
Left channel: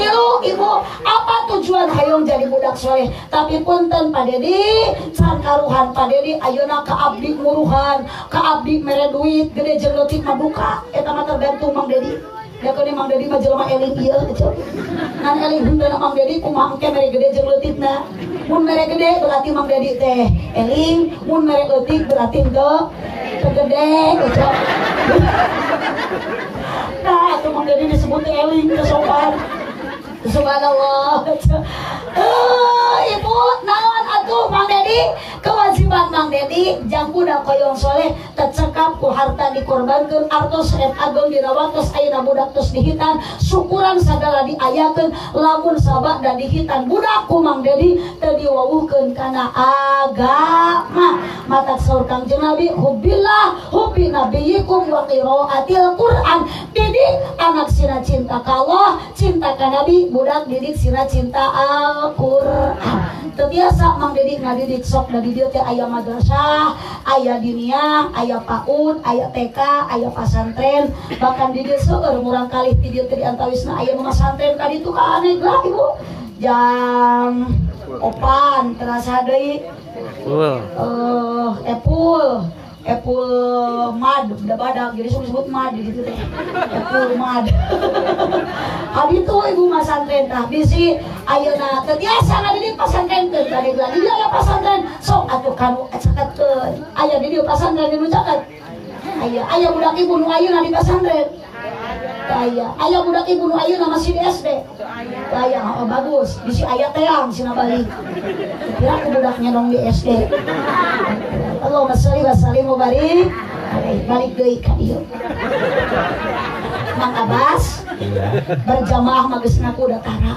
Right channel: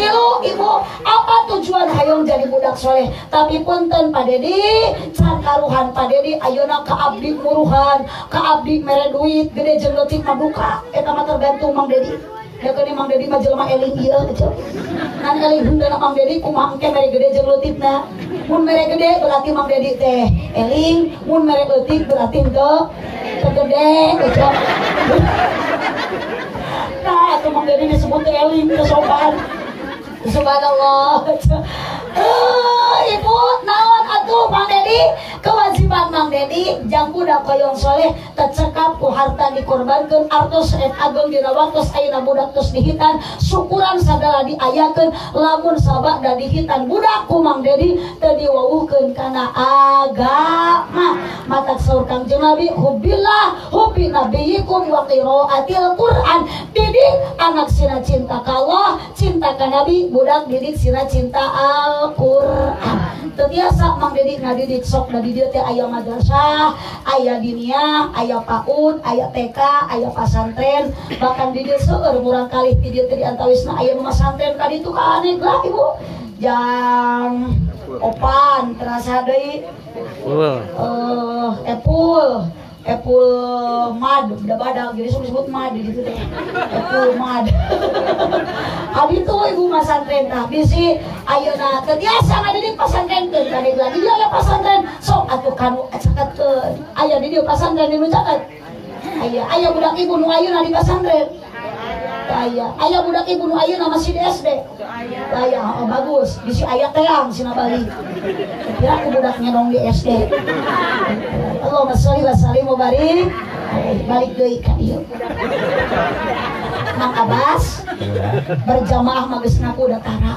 Tilu ibu apa tujuan hayong jadi budak soleh tapi punten Pak Dedi can karuhan Pak Dedi ayeuna ka abdi muruhan ka abdi mere duit gede jeung leutik mah buka eta mah tergantung Mang Dedi ya kene Mang Dedi mah jelema eling ieu ngan eling hendeuna Mang Dedi kumaha engke mere gede jeung leutitna mun mere gede berarti Mang Dedi teh eling mun mere leutik berarti teu gede gitu. Nah itu Mang Dedi disebut eling kesopan subhanallah. Ibu naon atuh Mang Dedi kewajiban Mang Dedi jang budak koyong soleh tercekap ku harta dikorbankeun artos et ageng dina waktos ayeuna budak tos dihitan syukuran sagala diayakeun lamun sabak da dihitan budak ku Mang Dedi teu diwawuhkeun kana agama matak saur Kangjeng Nabi hubbillah hubbi nabiyikum wa qiraatil Qur'an didik anak sina cinta ka Allah cinta ka Nabi budak didik sina cinta Al-Qur'an Tetiasa Mang Dedi ngadidik sok dari dia teh aya madrasah, aya diniyah, aya PAUD, aya TK, aya pasantren, bahkan di dieu seueur murang kalih di dieu teh diantawisna aya nu pasantren ka ditu ka aneh lah Ibu. Jang opan terasa deui. Epul mad udah badak jadi sebut mad gitu teh. Epul mad. Abi tuh ibu pasantren tah bisi ayeuna teh biasa ngadidik pasantren teh balik lagi dia aya pasantren sok atuh kanu catetkeun. Aya di dieu pasantren di nu catet. Aya budak ibu nu ayeuna di pasantren. Aya budak ibu nu ayeuna masih di SD. Aya bagus bisi aya teang sina balik. Kira budaknya dong di SD. Allahumma sholli wa sallim wa barik. Balik deui ka dieu. Mang Abbas berjamaah mah geus ngaku da tara.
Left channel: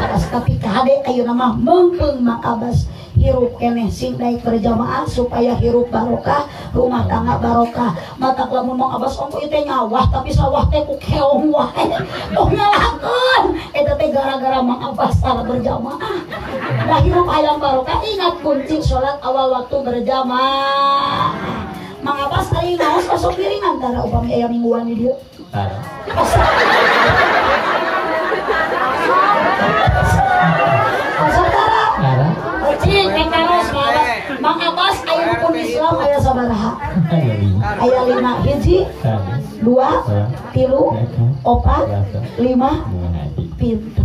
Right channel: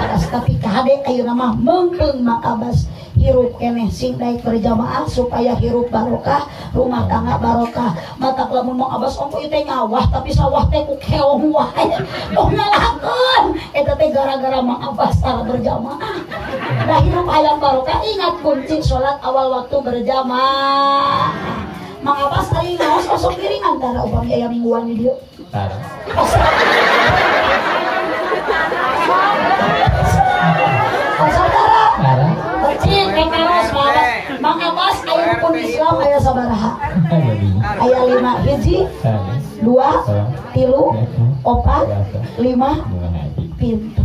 Paras tapi ka hade ayeuna mah meungkeung Mang Abbas hirup keneh sing naik berjamaah supaya hirup barokah, rumah tangga barokah. Mata lamun Mang Abbas ongko ieu teh nyawah tapi sawah teh ku keong wae. Tong ngalakeun. Eta teh gara-gara Mang Abbas tara berjamaah. Da hirup hayang barokah ingat kunci salat awal waktu berjamaah. Mang Abbas ari naos masuk piringan tara upami aya mingguan di dieu. Tara. Tara. Percik nek terus Mang Abbas aya rukun Islam aya sabaraha? Aya 5 hiji, 2, 3, 4, 5 pinter.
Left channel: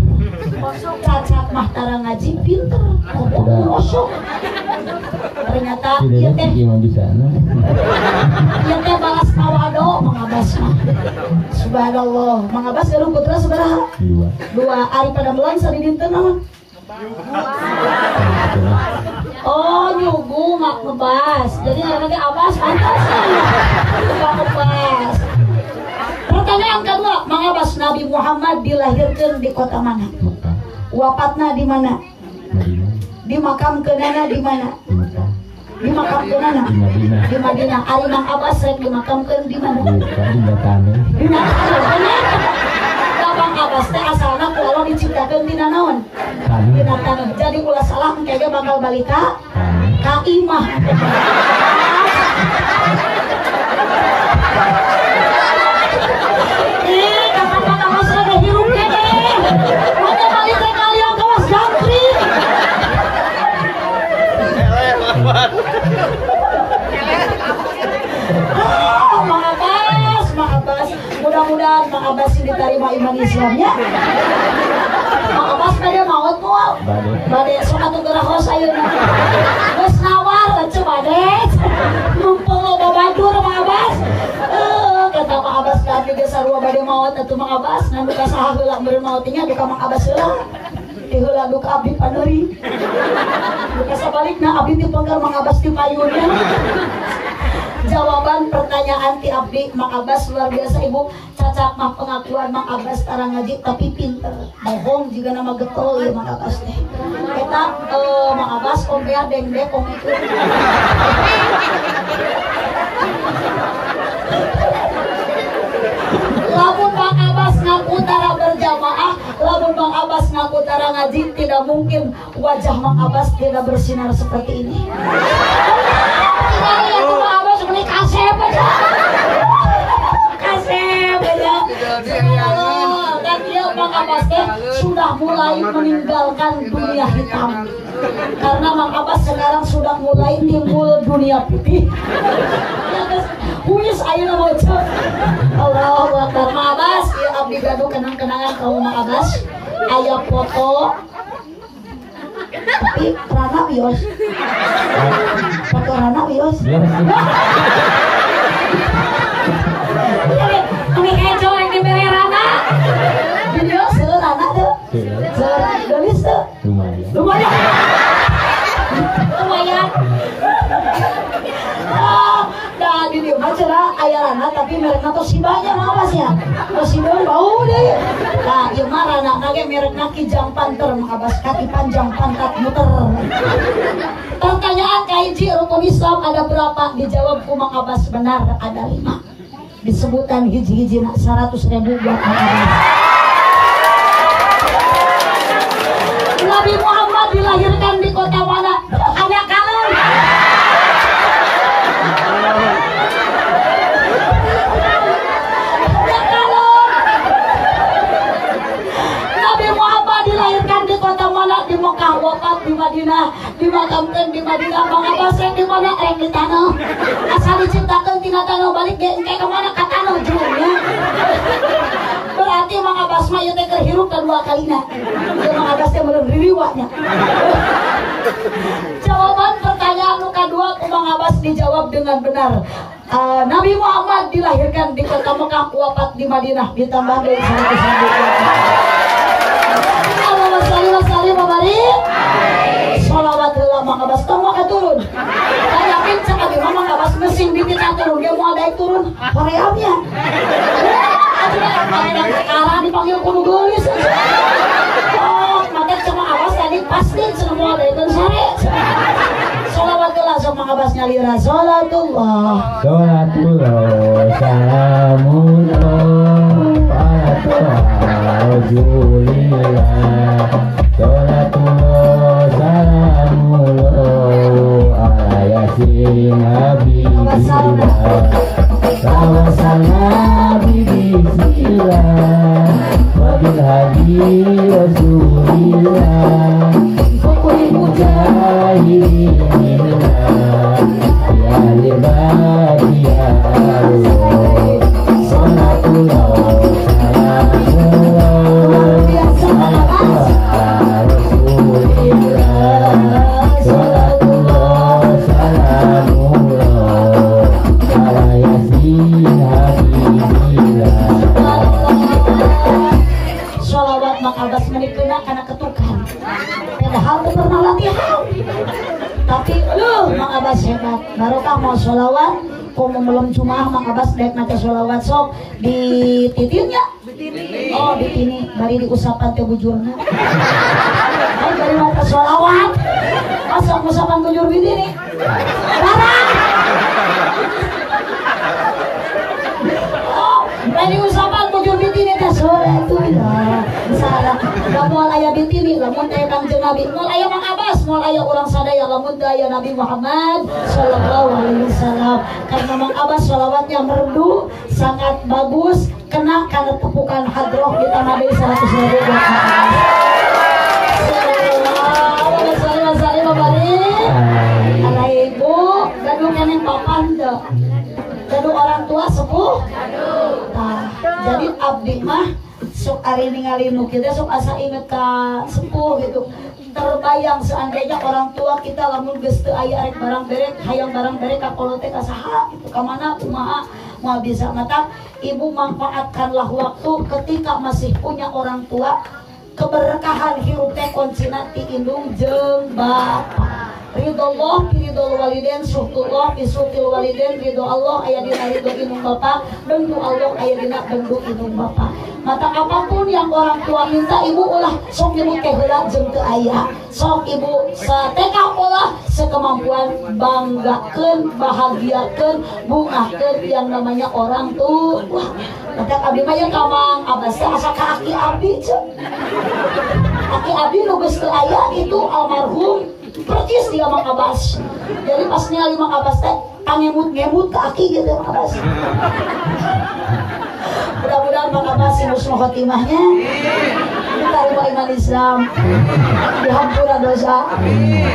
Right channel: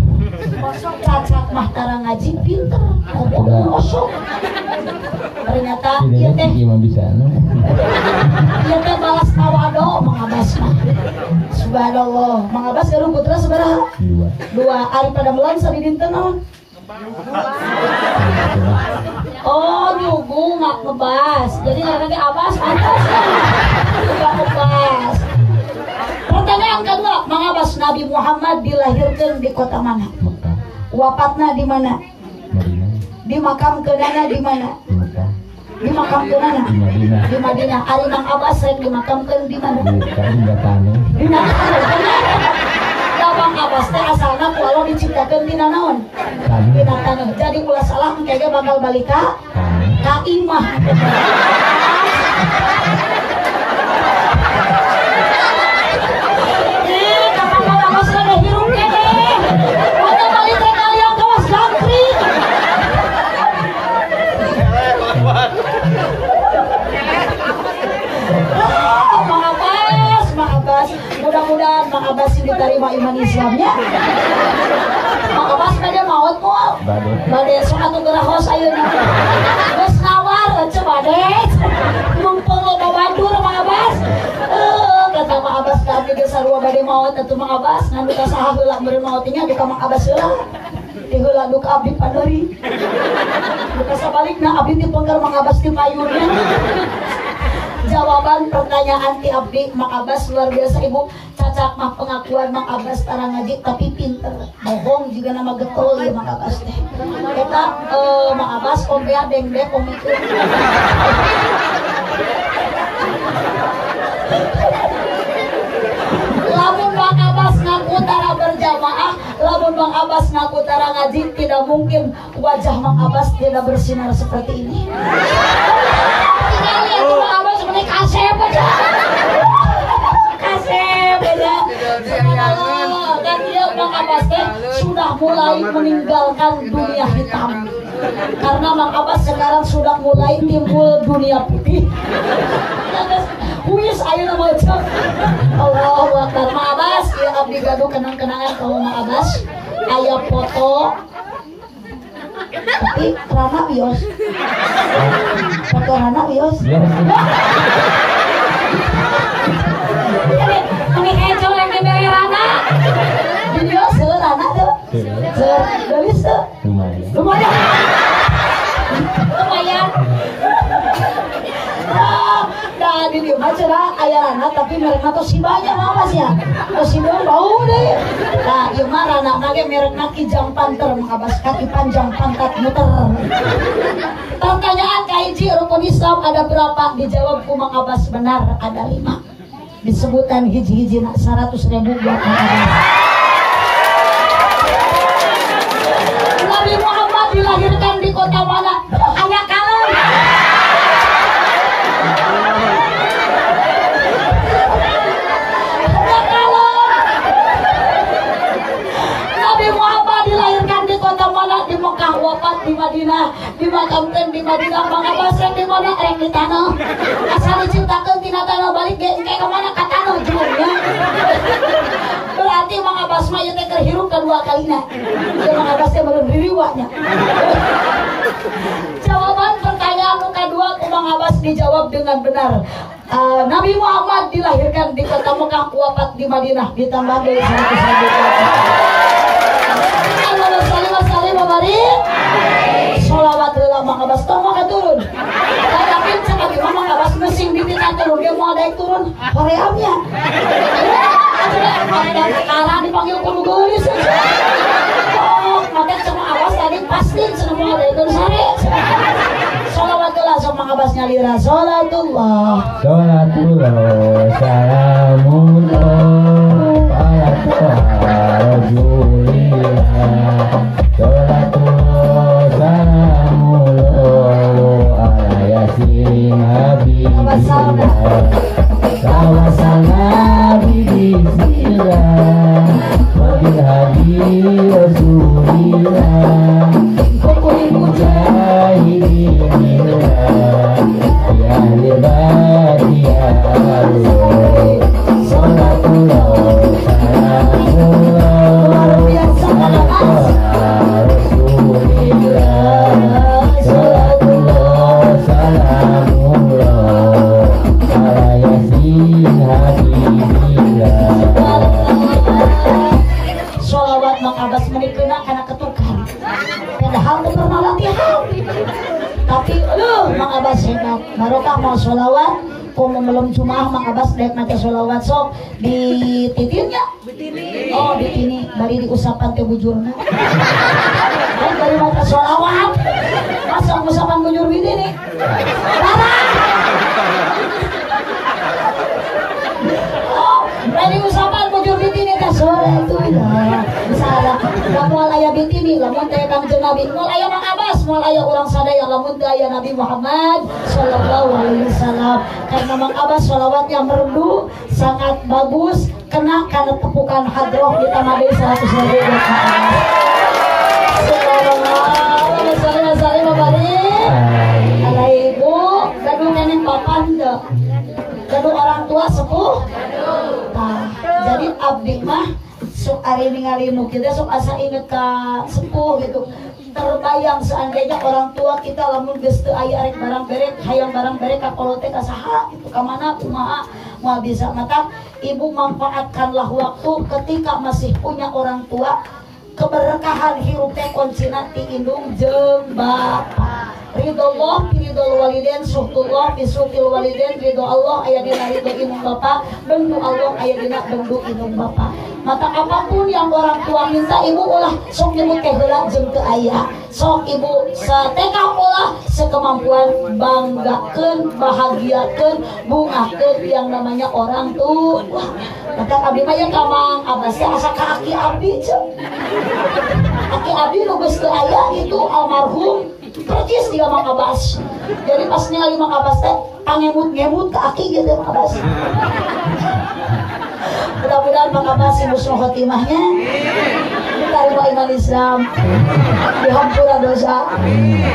Cacat mah tara ngaji pinter. Kosong. Ternyata ieu teh ieu teh balas tawado Mang Abbas mah. Subhanallah. Mang Abbas eureun putra sabaraha? 2. Ari pada melan sari dinten naon? Oh nyugu mak ngebas. Jadi ngaranna Abbas pantas. Mak ngebas. Pertanyaan kedua, Mang Abbas Nabi Muhammad dilahirkan di kota mana? Wafatna di mana? Dimakamkeunana di mana? Dimakamkeunana di Madinah. Ari Mang Abbas rek dimakamkeun di mana? Di Mang Abbas teh asalna ku Allah diciptakeun dina naon? Dina taneuh. Jadi ulah salah engke ge bakal balik ka imah. Mudah-mudahan Mang Abbas diterima iman Islamnya. Mang Abbas bade maot moal. Bade sok atuh gerahos ayeuna. Geus nawar teu bade. Mumpung loba badur Mang Abbas. Kata Mang Abbas tadi geus sarua bade maot atuh Mang Abbas ngan duka saha heula beureun maot nya duka Mang Abbas heula. Di heula duka abdi padeuri. Duka sabalikna abdi dipenggar Mang Abbas di payunnya. Jawaban pertanyaan ti abdi Mang Abbas luar biasa Ibu. Cacak mah pengakuan Mang Abbas tara ngaji tapi pinter. Bohong juga nama getol ya Mang Abbas teh. Eta Mang Abbas ompea dengdek om itu. Lamun Mang Abbas ngaku tara berjamaah, lamun Mang Abbas ngaku tara ngaji, tidak mungkin wajah Mang Abbas tidak bersinar seperti ini. Kasep aja. Dan dia Mang Abbas teh sudah mulai meninggalkan dunia hitam. Karena Mang Abbas sekarang sudah mulai timbul dunia putih. Huis ayeuna wae. Allahu Akbar. Mang Abbas ieu abdi gaduh kenang-kenangan ka Mang Abbas. Aya foto tapi Rana wios. Foto Rana wios. Ini eco yang diberi Rana. Video seueur Rana tuh. Geus tuh. Lumayan. Nah, di dieu mah cenah aya Rana tapi merekna Toshibanya mawas ya. Toshiba bau deh. Nah, ieu mah Rana ge merekna Kijang Panther Mang Abbas, kaki panjang pangkat muter. Pertanyaan kahiji rukun Islam ada berapa? Dijawab ku Mang Abbas benar ada 5. Disebutkan hiji-hiji 100.000 buat Mang Abbas. Nabi Muhammad dilahirkan dilahirkan di Madinah Mang Abbas rek di mana rek di tanah asal diciptakeun tina tanah balik ge engke ka mana ka tanah jurnya berarti Mang Abbas mah ieu teh keur hirup kedua kalina teu Mang Abbas teh belum ririwanya jawaban pertanyaan nu kadua ku Mang Abbas dijawab dengan benar. Nabi Muhammad dilahirkan di kota Mekah, wafat di Madinah, ditambah dari 100 ribu. Sholawat lillah Mang Abbas tong turun. Saya yakin sekali Mang Abbas mesin bibitna turun, dia mau daik turun. Horeamnya. Sekarang dipanggil kudu geulis. Maka sama Abbas tadi pasti semua daik turun sare. Sholawatullah sama Abbas nyalira sholatullah. Sholatullah salamullah ala Rasulillah. Sholatullah salamullah ala yasin habibillah. Salam bismillah wabil hadi rasulillah. Pokoknya mujahidin ya libati ya Allah. Sholatullah salamullah ala Rasulillah. Sholatullah salamullah ala yasin habibillah. Sholawat Mang Abbas menikena karena ketukan padahal tuh pernah latihan tapi aduh Mang Abbas hebat barokah mau sholawat kok mau belum Jumaah Mang Abbas daek maca sholawat sok di titinnya oh di tini bari diusapan teh bujurna dan bari maca sholawat masuk usapan bujur bini nih bari usapan bujur bini teh sholatullah salah lamun aya bitini lamun teh Kangjeng Nabi moal aya Mang Abbas moal aya urang sadaya lamun teh aya Nabi Muhammad sallallahu alaihi wasallam karena Mang Abbas sholawatnya merdu sangat bagus kena kana tepukan hadroh di tanah deui 100 ribu ibu gaduh nenek papan teh gaduh orang tua sepuh nah jadi abdi mah sok ari ningali nu kieu sok asa inget ka sepuh gitu terbayang seandainya orang tua kita lamun geus teu aya rek barang berek hayang barang berek ka kolot teh ka saha gitu ka mana kumaha moal bisa mata ibu manfaatkanlah waktu ketika masih punya orang tua keberkahan hirup teh kuncina ti indung jeung bapa ridho Allah ridho waliden suhtullah bisuhtil waliden ridho Allah aya dina ridho indung bapa bendu Allah aya dina bendu indung bapa mata apapun yang orang tua minta ibu ulah sok nyebut teh heula jeung teu aya sok ibu sateka ulah sekemampuan banggakeun bahagiakeun bungakeun yang namanya orang tua mata abdi mah yang ka Mang Abbas teh asa ka aki abdi aki abdi nu geus teu aya itu almarhum percis dia Mang Abbas jadi pas ningali Mang Abbas teh pangemut-ngemut ke aki gitu Mang Abbas mudah-mudahan Mang Abbas husnul khotimahnya diterima iman Islam dihampura dosa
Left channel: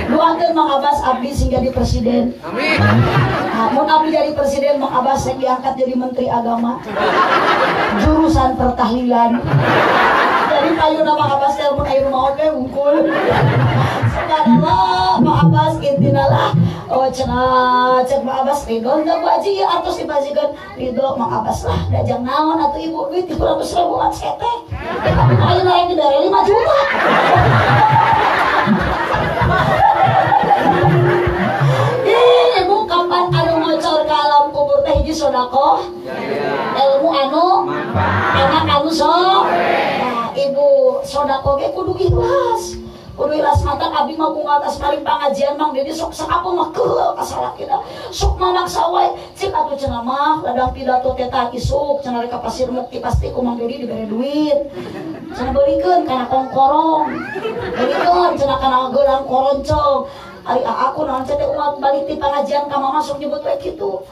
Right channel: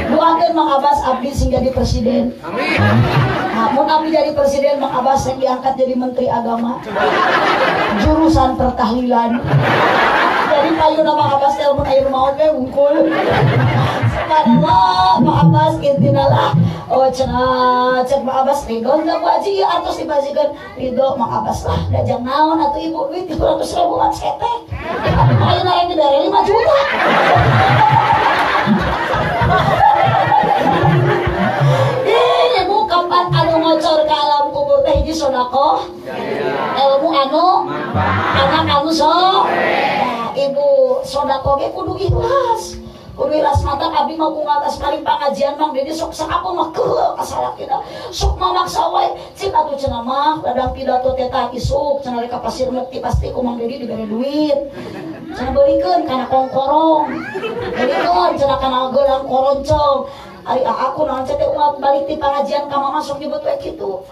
doakeun Mang Abbas abdi sing jadi presiden nah, mun abdi jadi presiden Mang Abbas yang diangkat jadi menteri agama jurusan pertahlilan jadi payuna Mang Abbas teh mun aya maot we wungkul subhanallah Mang Abbas intinalah oh cenah cek Mang Abbas ridho enggak Bu Haji atau si bajikan ridho Mang Abbas lah dajang naon atuh ibu duit 300 ribuan sete ayo lain dari 5 juta ini bu kapan anu ngocor ke alam kubur teh hiji sodako ilmu anu anak anu sok nah ibu sodako ge kudu ikhlas kudu ikhlas mata abdi mah ngatas paling pangajian mang dedi sok sakapu mah keul kasalah kita sok mamaksa wae cik atuh cenah mah ladang pidato teh tah isuk cenah rek ka pasir ngerti pasti ku mang dedi dibere duit cenah beulikeun kana kongkorong beulikeun cenah kana gelang koroncong ari aku naon teh umat balik ti pangajian ka mama sok nyebut we kitu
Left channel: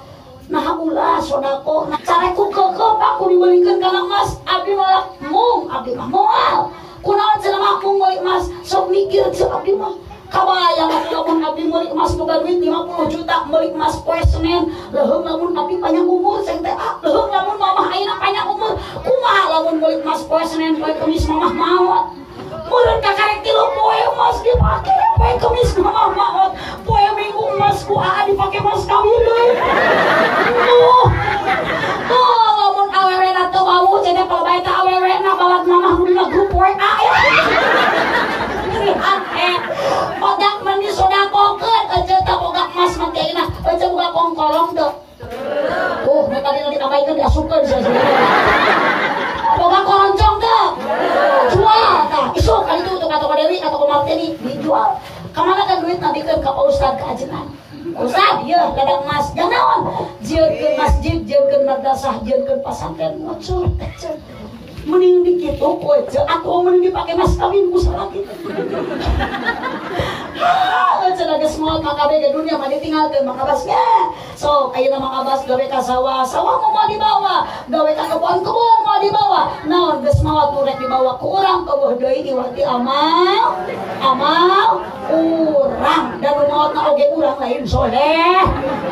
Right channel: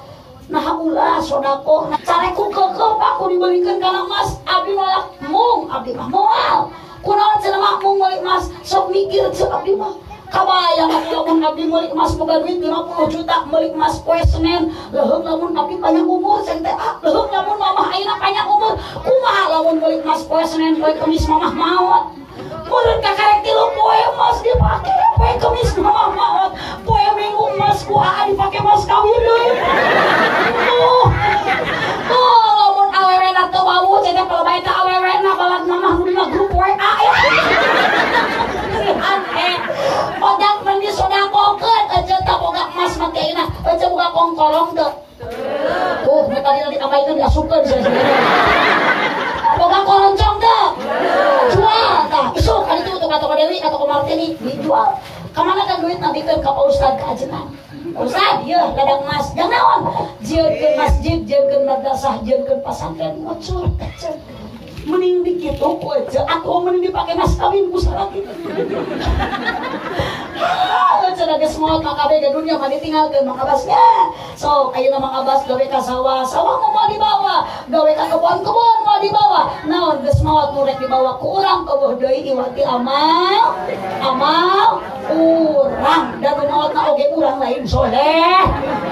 nah ulah sodako nah careku keukeuh pak ku dibelikeun kana emas abdi malah mung abdi mah moal kunaon cenah mah mung meuli emas sok mikir ceuk abdi mah kabayang lamun abdi meuli emas boga duit 50 juta meuli emas poe Senin leuheung lamun tapi panjang umur saya teh leuheung lamun mamah ayeuna panjang umur kumaha lamun meuli emas poe Senin poe Kemis mamah maot meureun kakarek 3 poe emas dipake poe Kemis mamah maot poe Minggu emas ku aa dipake emas kawin deui lamun awewena teu wau cenah kalau bae ka awewena balad mamah dina grup WA Odak mandi soda koket aja tak boga emas mati ayeuna aja boga kongkolong teu mereka dina ditambaikeun diasupkeun sia-sia boga koloncong teu jual tah isuk kali itu teu ka Dewi atau ka Martini dijual kamana ka duit nabikeun ka Ustad ka ajeunna Ustad ieu ladang emas jang naon jieunkeun masjid jieunkeun madrasah jieunkeun pasantren ngocor teh mending dikitu ku aja atau mending dipake mas kawin ku salaki cenah geus moal ka kabeh ke dunia mah ditinggalkeun Mang Abasnya sok ayeuna Mang Abas gawe ka sawah mau dibawa gawe ka kebon mau dibawa naon geus maot nu rek dibawa ku urang eueuh deui iwati amal urang dan nu maotna oge urang lain soleh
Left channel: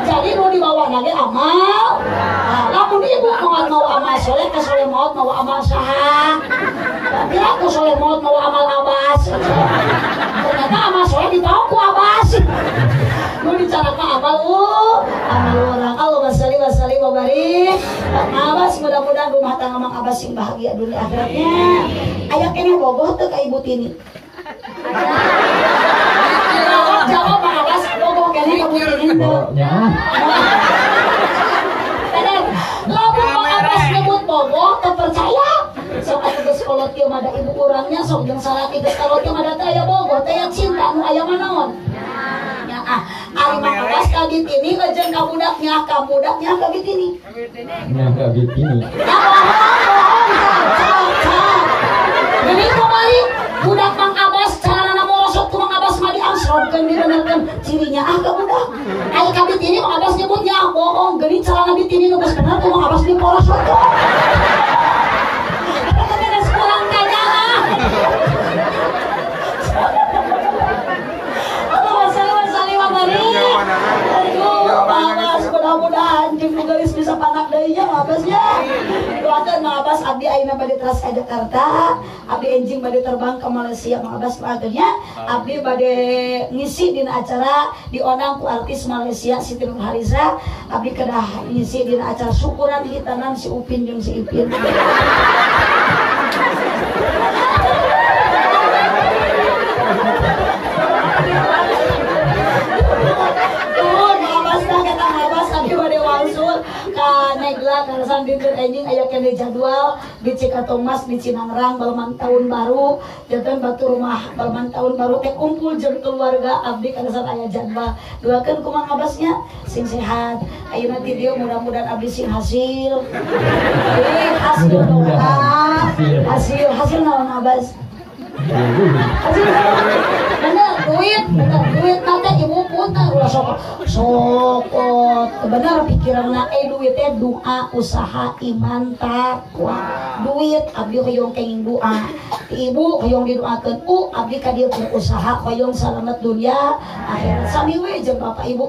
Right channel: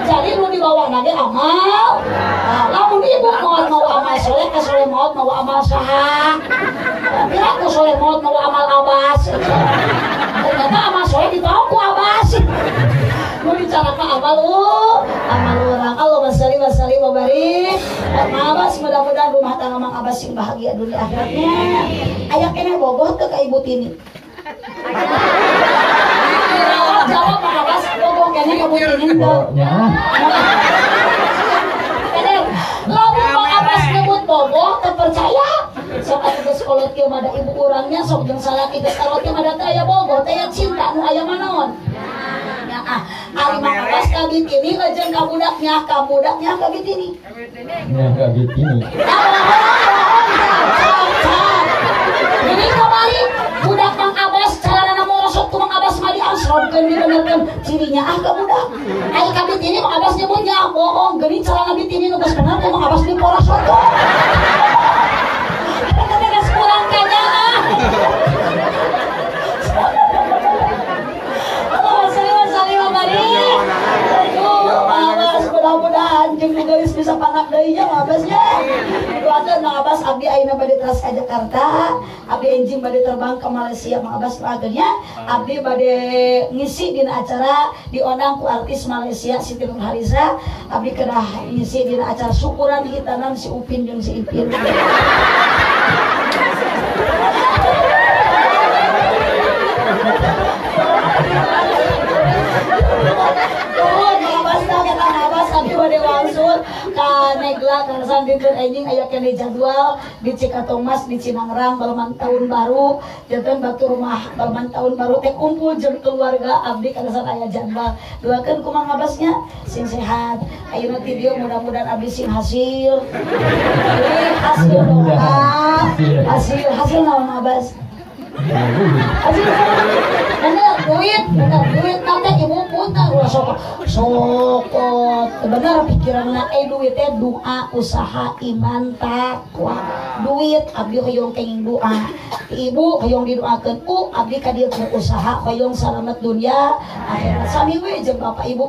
jadi nu dibawa ge amal lamun ibu mau amal soleh ka soleh maot mau amal saha kira ku soleh maot mau amal Abas ternyata amal soleh dibawa ku Abas nu dicarakan amal orang Allahumma shalli wa sallim wa barik Mang Abas mudah-mudahan rumah tangga Mang Abas sing bahagia dunia akhiratnya aya keneh bogoh teu ka Ibu Tini jawab Mang Abas bogoh keneh ka Ibu Tini teu lamun Mang Abas nyebut bogoh teu percaya sok aya geus kolot kieu mah ibu urangnya sok jeung salaki geus kolot kieu mah teh aya bogoh teh aya cinta nu aya manaon Ali Mang Abas ka Bitini jeung ka budaknya ka Bitini ka Bitini jadi kembali budak Mang Abas carana morosot ku Mang Abas mah diangsrongkeun dibenerkeun cirinya ka budak aya ka Bitini Mang Abas nyebutnya bohong geuning carana Bitini nu geus bener Mang Abas diporosot mudah-mudahan jeung geus bisa panak deui nya Abasnya. Doakeun Mang Abas abdi ayeuna bade teras ka Jakarta, abdi enjing bade terbang ke Malaysia Mang Abas doakeunnya. Abdi bade ngisi dina acara diundang ku artis Malaysia Siti Nurhaliza. Abdi kedah ngisi dina acara syukuran hitanan si Upin jeung si Ipin. Negla karasan dinten enjing aya kene jadwal di Cikatomas di Cinangrang balaman tahun baru janten batu rumah balaman tahun baru teh kumpul jeung keluarga abdi karasan aya jadwal doakeun ku Mang Abasnya sing sehat ayeuna ti dieu mudah-mudahan abdi sing hasil hasil doa hasil naon Abas hasil bener duit nanti ibu punta ulah sokot bener pikiranna duit teh doa usaha iman takwa duit abdi hoyong kenging doa ibu hoyong didoakeun abdi ka dieu usaha hoyong salamet dunia akhirat sami we jeung bapak ibu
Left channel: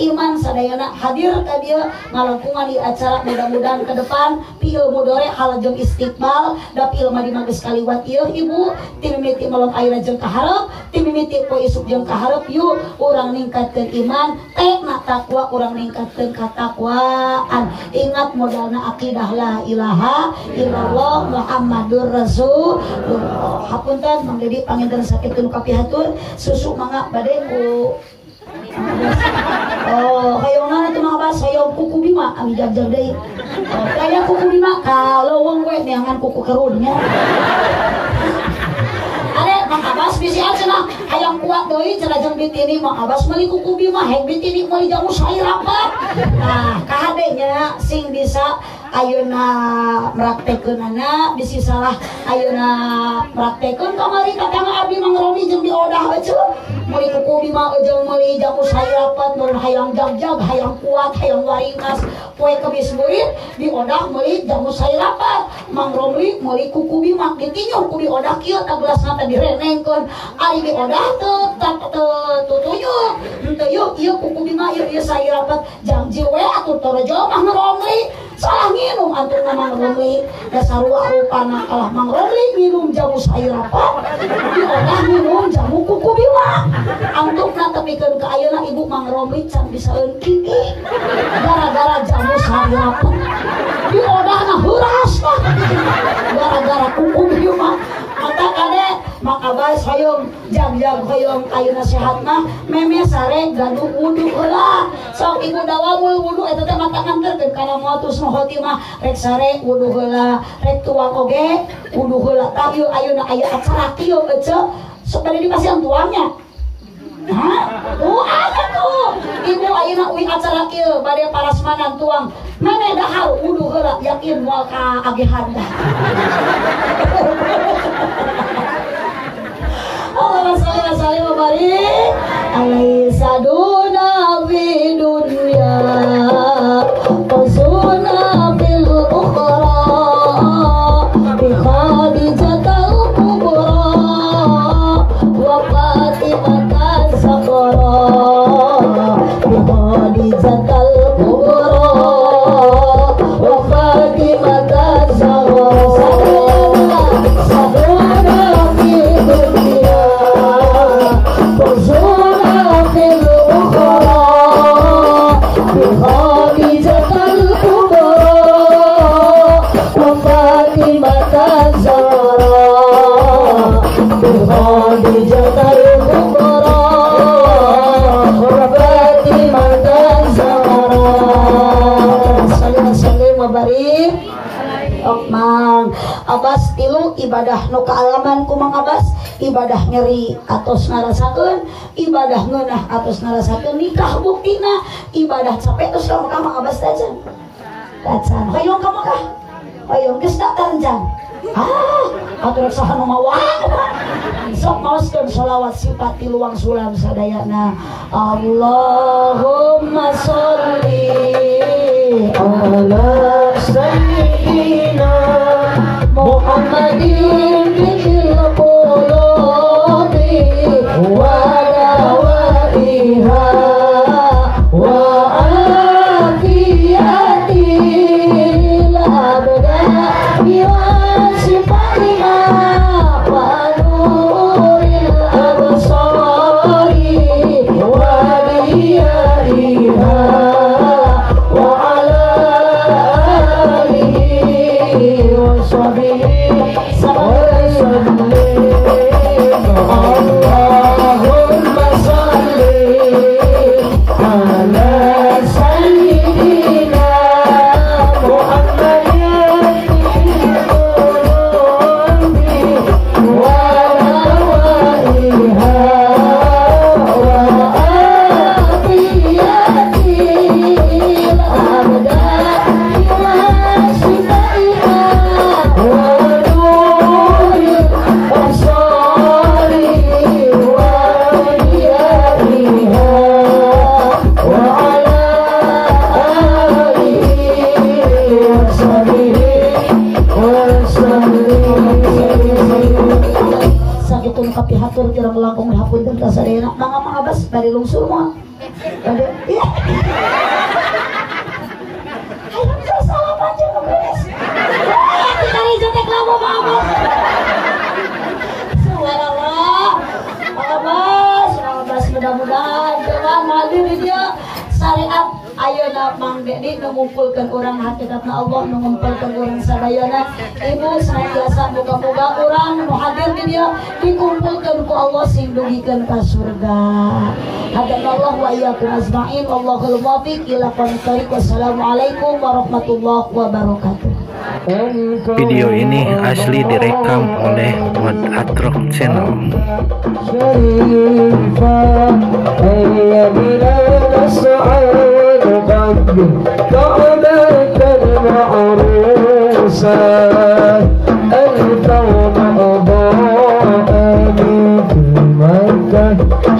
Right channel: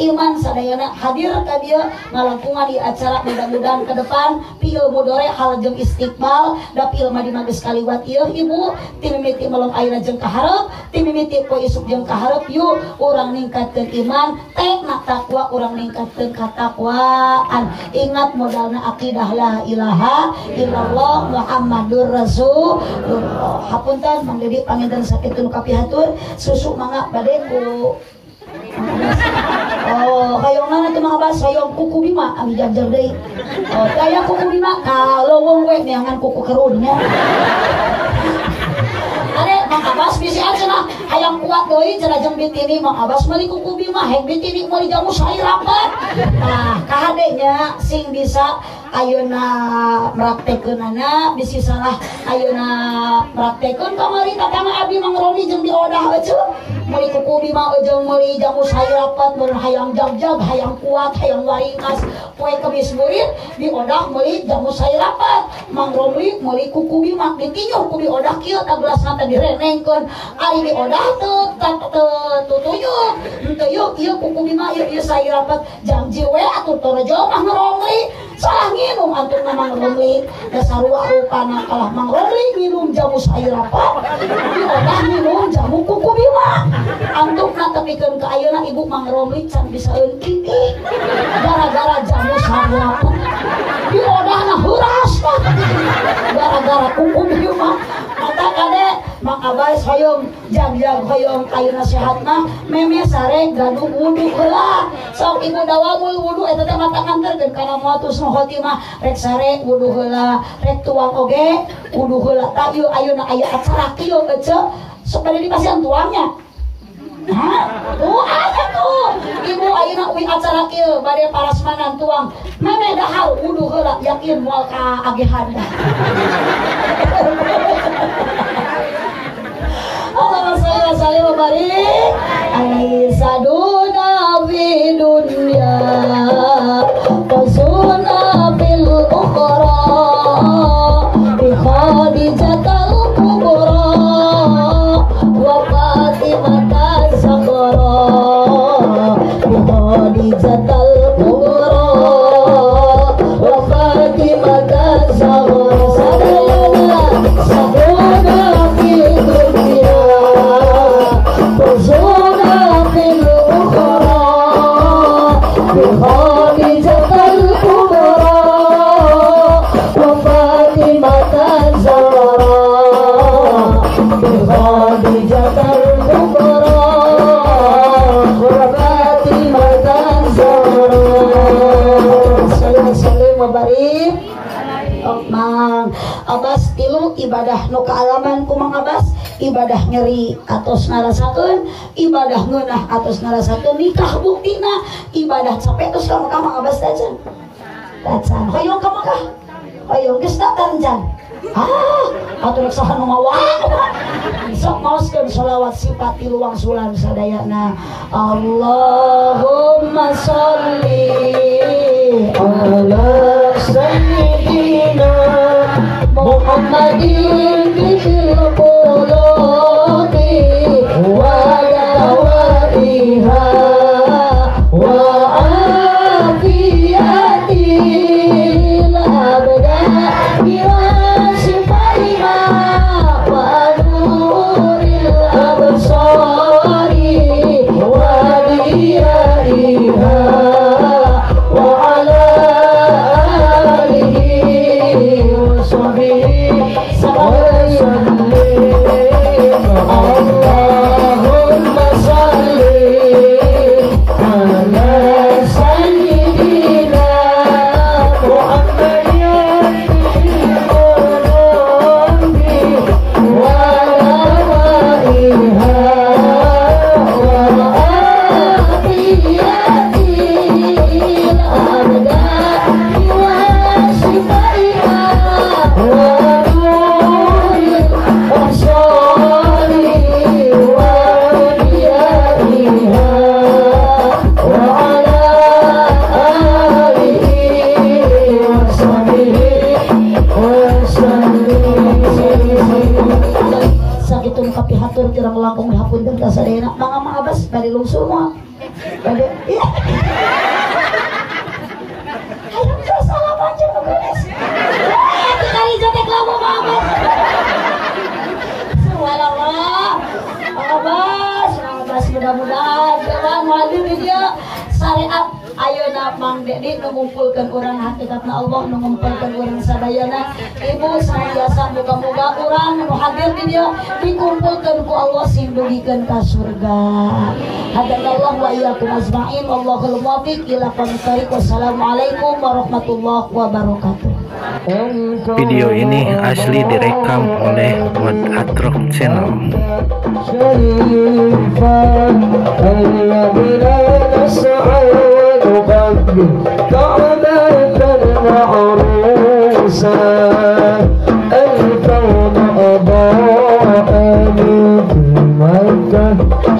iman sadayana hadir ka dieu ngalangkungan di acara mudah-mudahan ke depan pieu mudore hal jeung istiqbal da pieu mah dimageus kaliwat ieu ibu timimiti malong ayeuna jeung kaharep timimiti poe isuk jeung kaharep yuk urang ningkatkeun iman tekna takwa urang ningkatkeun katakwaan ingat modalna akidah la ilaha illallah Muhammadur Rasulullah hapunten Mang Dedi panginten sakitu kapihatur susu mangga bade ku hayong mana tuh Mang Abas hayong kuku bima ami jajar deui kaya kuku bima kalau wong we neangan kuku kerunnya Mang Abas bisi aja lah hayang kuat doi cenah jeung Bitini Mang Abas meuli kuku bima heng Bitini meuli jamu sair rapat nah kahadenya sing bisa ayeuna mraktekeunana bisi salah ayeuna mraktekeun kamari tatangga abdi Mang Roni jeung diodah we meuli kuku bima jeung meuli jamu sair rapat mun hayang jag-jag hayang hayang kuat hayang waringas poe Kemis beurit di odah meuli jamu sairapat Mang Romli meuli kuku bimak ditinyu ku di odah kieu tagelasna teh direnengkeun ari di odah teu tuyuk teu ieu kuku bimak ieu sairapat janji we atuh torjo Mang Romli salah nginum antuk Mang Romli dasar rupana kalah Mang Romli minum jamu sairapat di odah minum jamu kuku bimak antuk natepikeun ka ayeuna ibu Mang Romli can bisa eungkik gara-gara jamu sairapat di odahna heuras gara-gara kuku bimak mata kade Mang Abay hoyong jam-jam hoyong ayeuna sehat mah meme sare gaduh wudu heula sok ibu dawamul wudu eta teh mata nganterkeun kana moal tusnu khotimah rek sare wudu heula rek tuang oge wudu heula tah ieu ayeuna aya acara kieu ece sok bade dipasihan tuangnya. Hah? Ada tuh. Ibu ayeuna uwi acara kieu bade parasmanan tuang. Meme dahar wudu heula yakin moal ka agehan. Allahumma shalli wa sallim wa barik alaihi saduna fi dunya wasuna fil ukhra bi khadijatal kubra wa fatimah saghra bi khadijatal kubra wa fatimah saghra Abas tilu ibadah nu kaalaman ku Mang Abas ibadah nyeri atos ngarasakeun ibadah ngeunah atos ngarasakeun nikah buktina ibadah capek terus ka Mang Abas aja kacan hoyong ka Mekah hoyong geus datang jan atuh rek saha nu ngawak sok maoskeun shalawat sifat tilu wangsulan sadayana Allahumma sholli ala sayyidina Muhammadin bil qulubi wa dawaiha wa afiyatil abdani wa sifaiha wa nuril absari wa diyaiha wa ala alihi wa mudah-mudahan jangan mandi di dia syariat ayeuna Mang Dedi mengumpulkan orang hakikatna Allah mengumpulkan orang sadayana ibu biasa muga-muga orang nu hadir di dia dikumpulkan ku Allah sindugikeun ka surga. Hadanallahu wa iyyakum ajma'in. Allahul muwaffiq ila aqwamit thoriq. Wassalamualaikum warahmatullahi wabarakatuh. Video ini asli direkam oleh Mod Atrok Channel.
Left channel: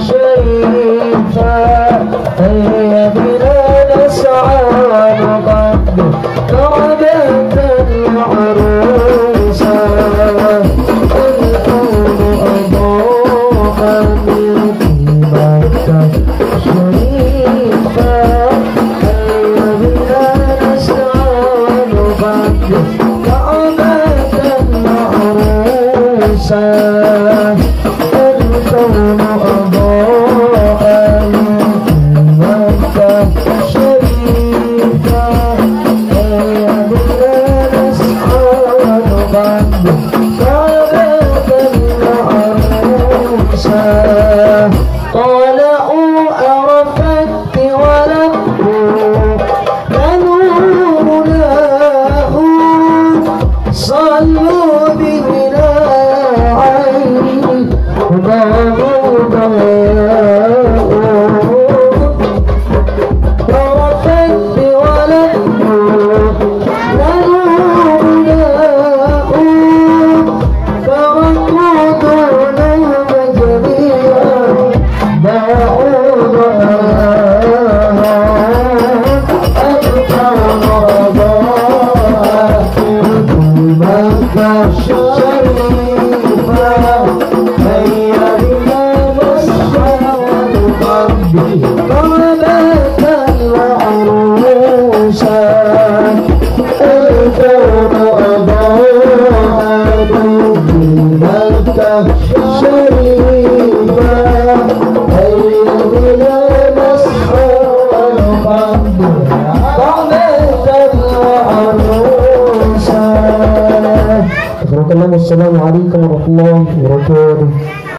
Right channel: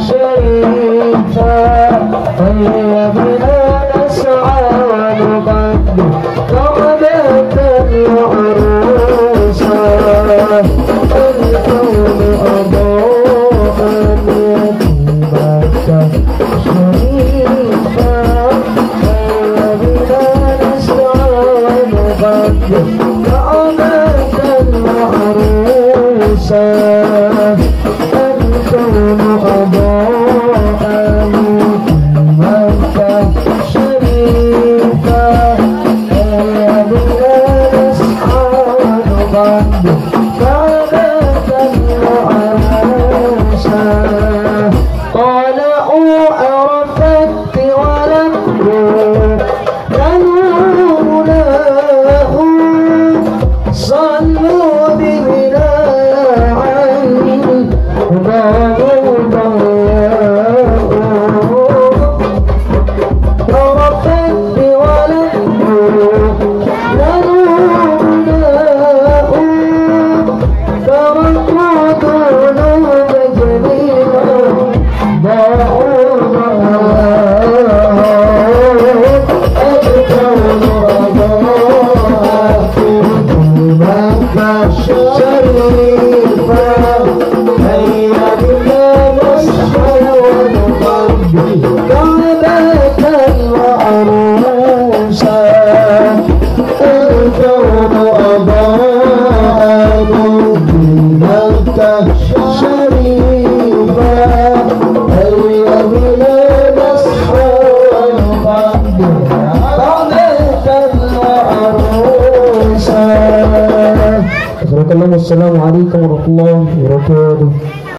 شريفا Assalamualaikum warahmatullahi wabarakatuh.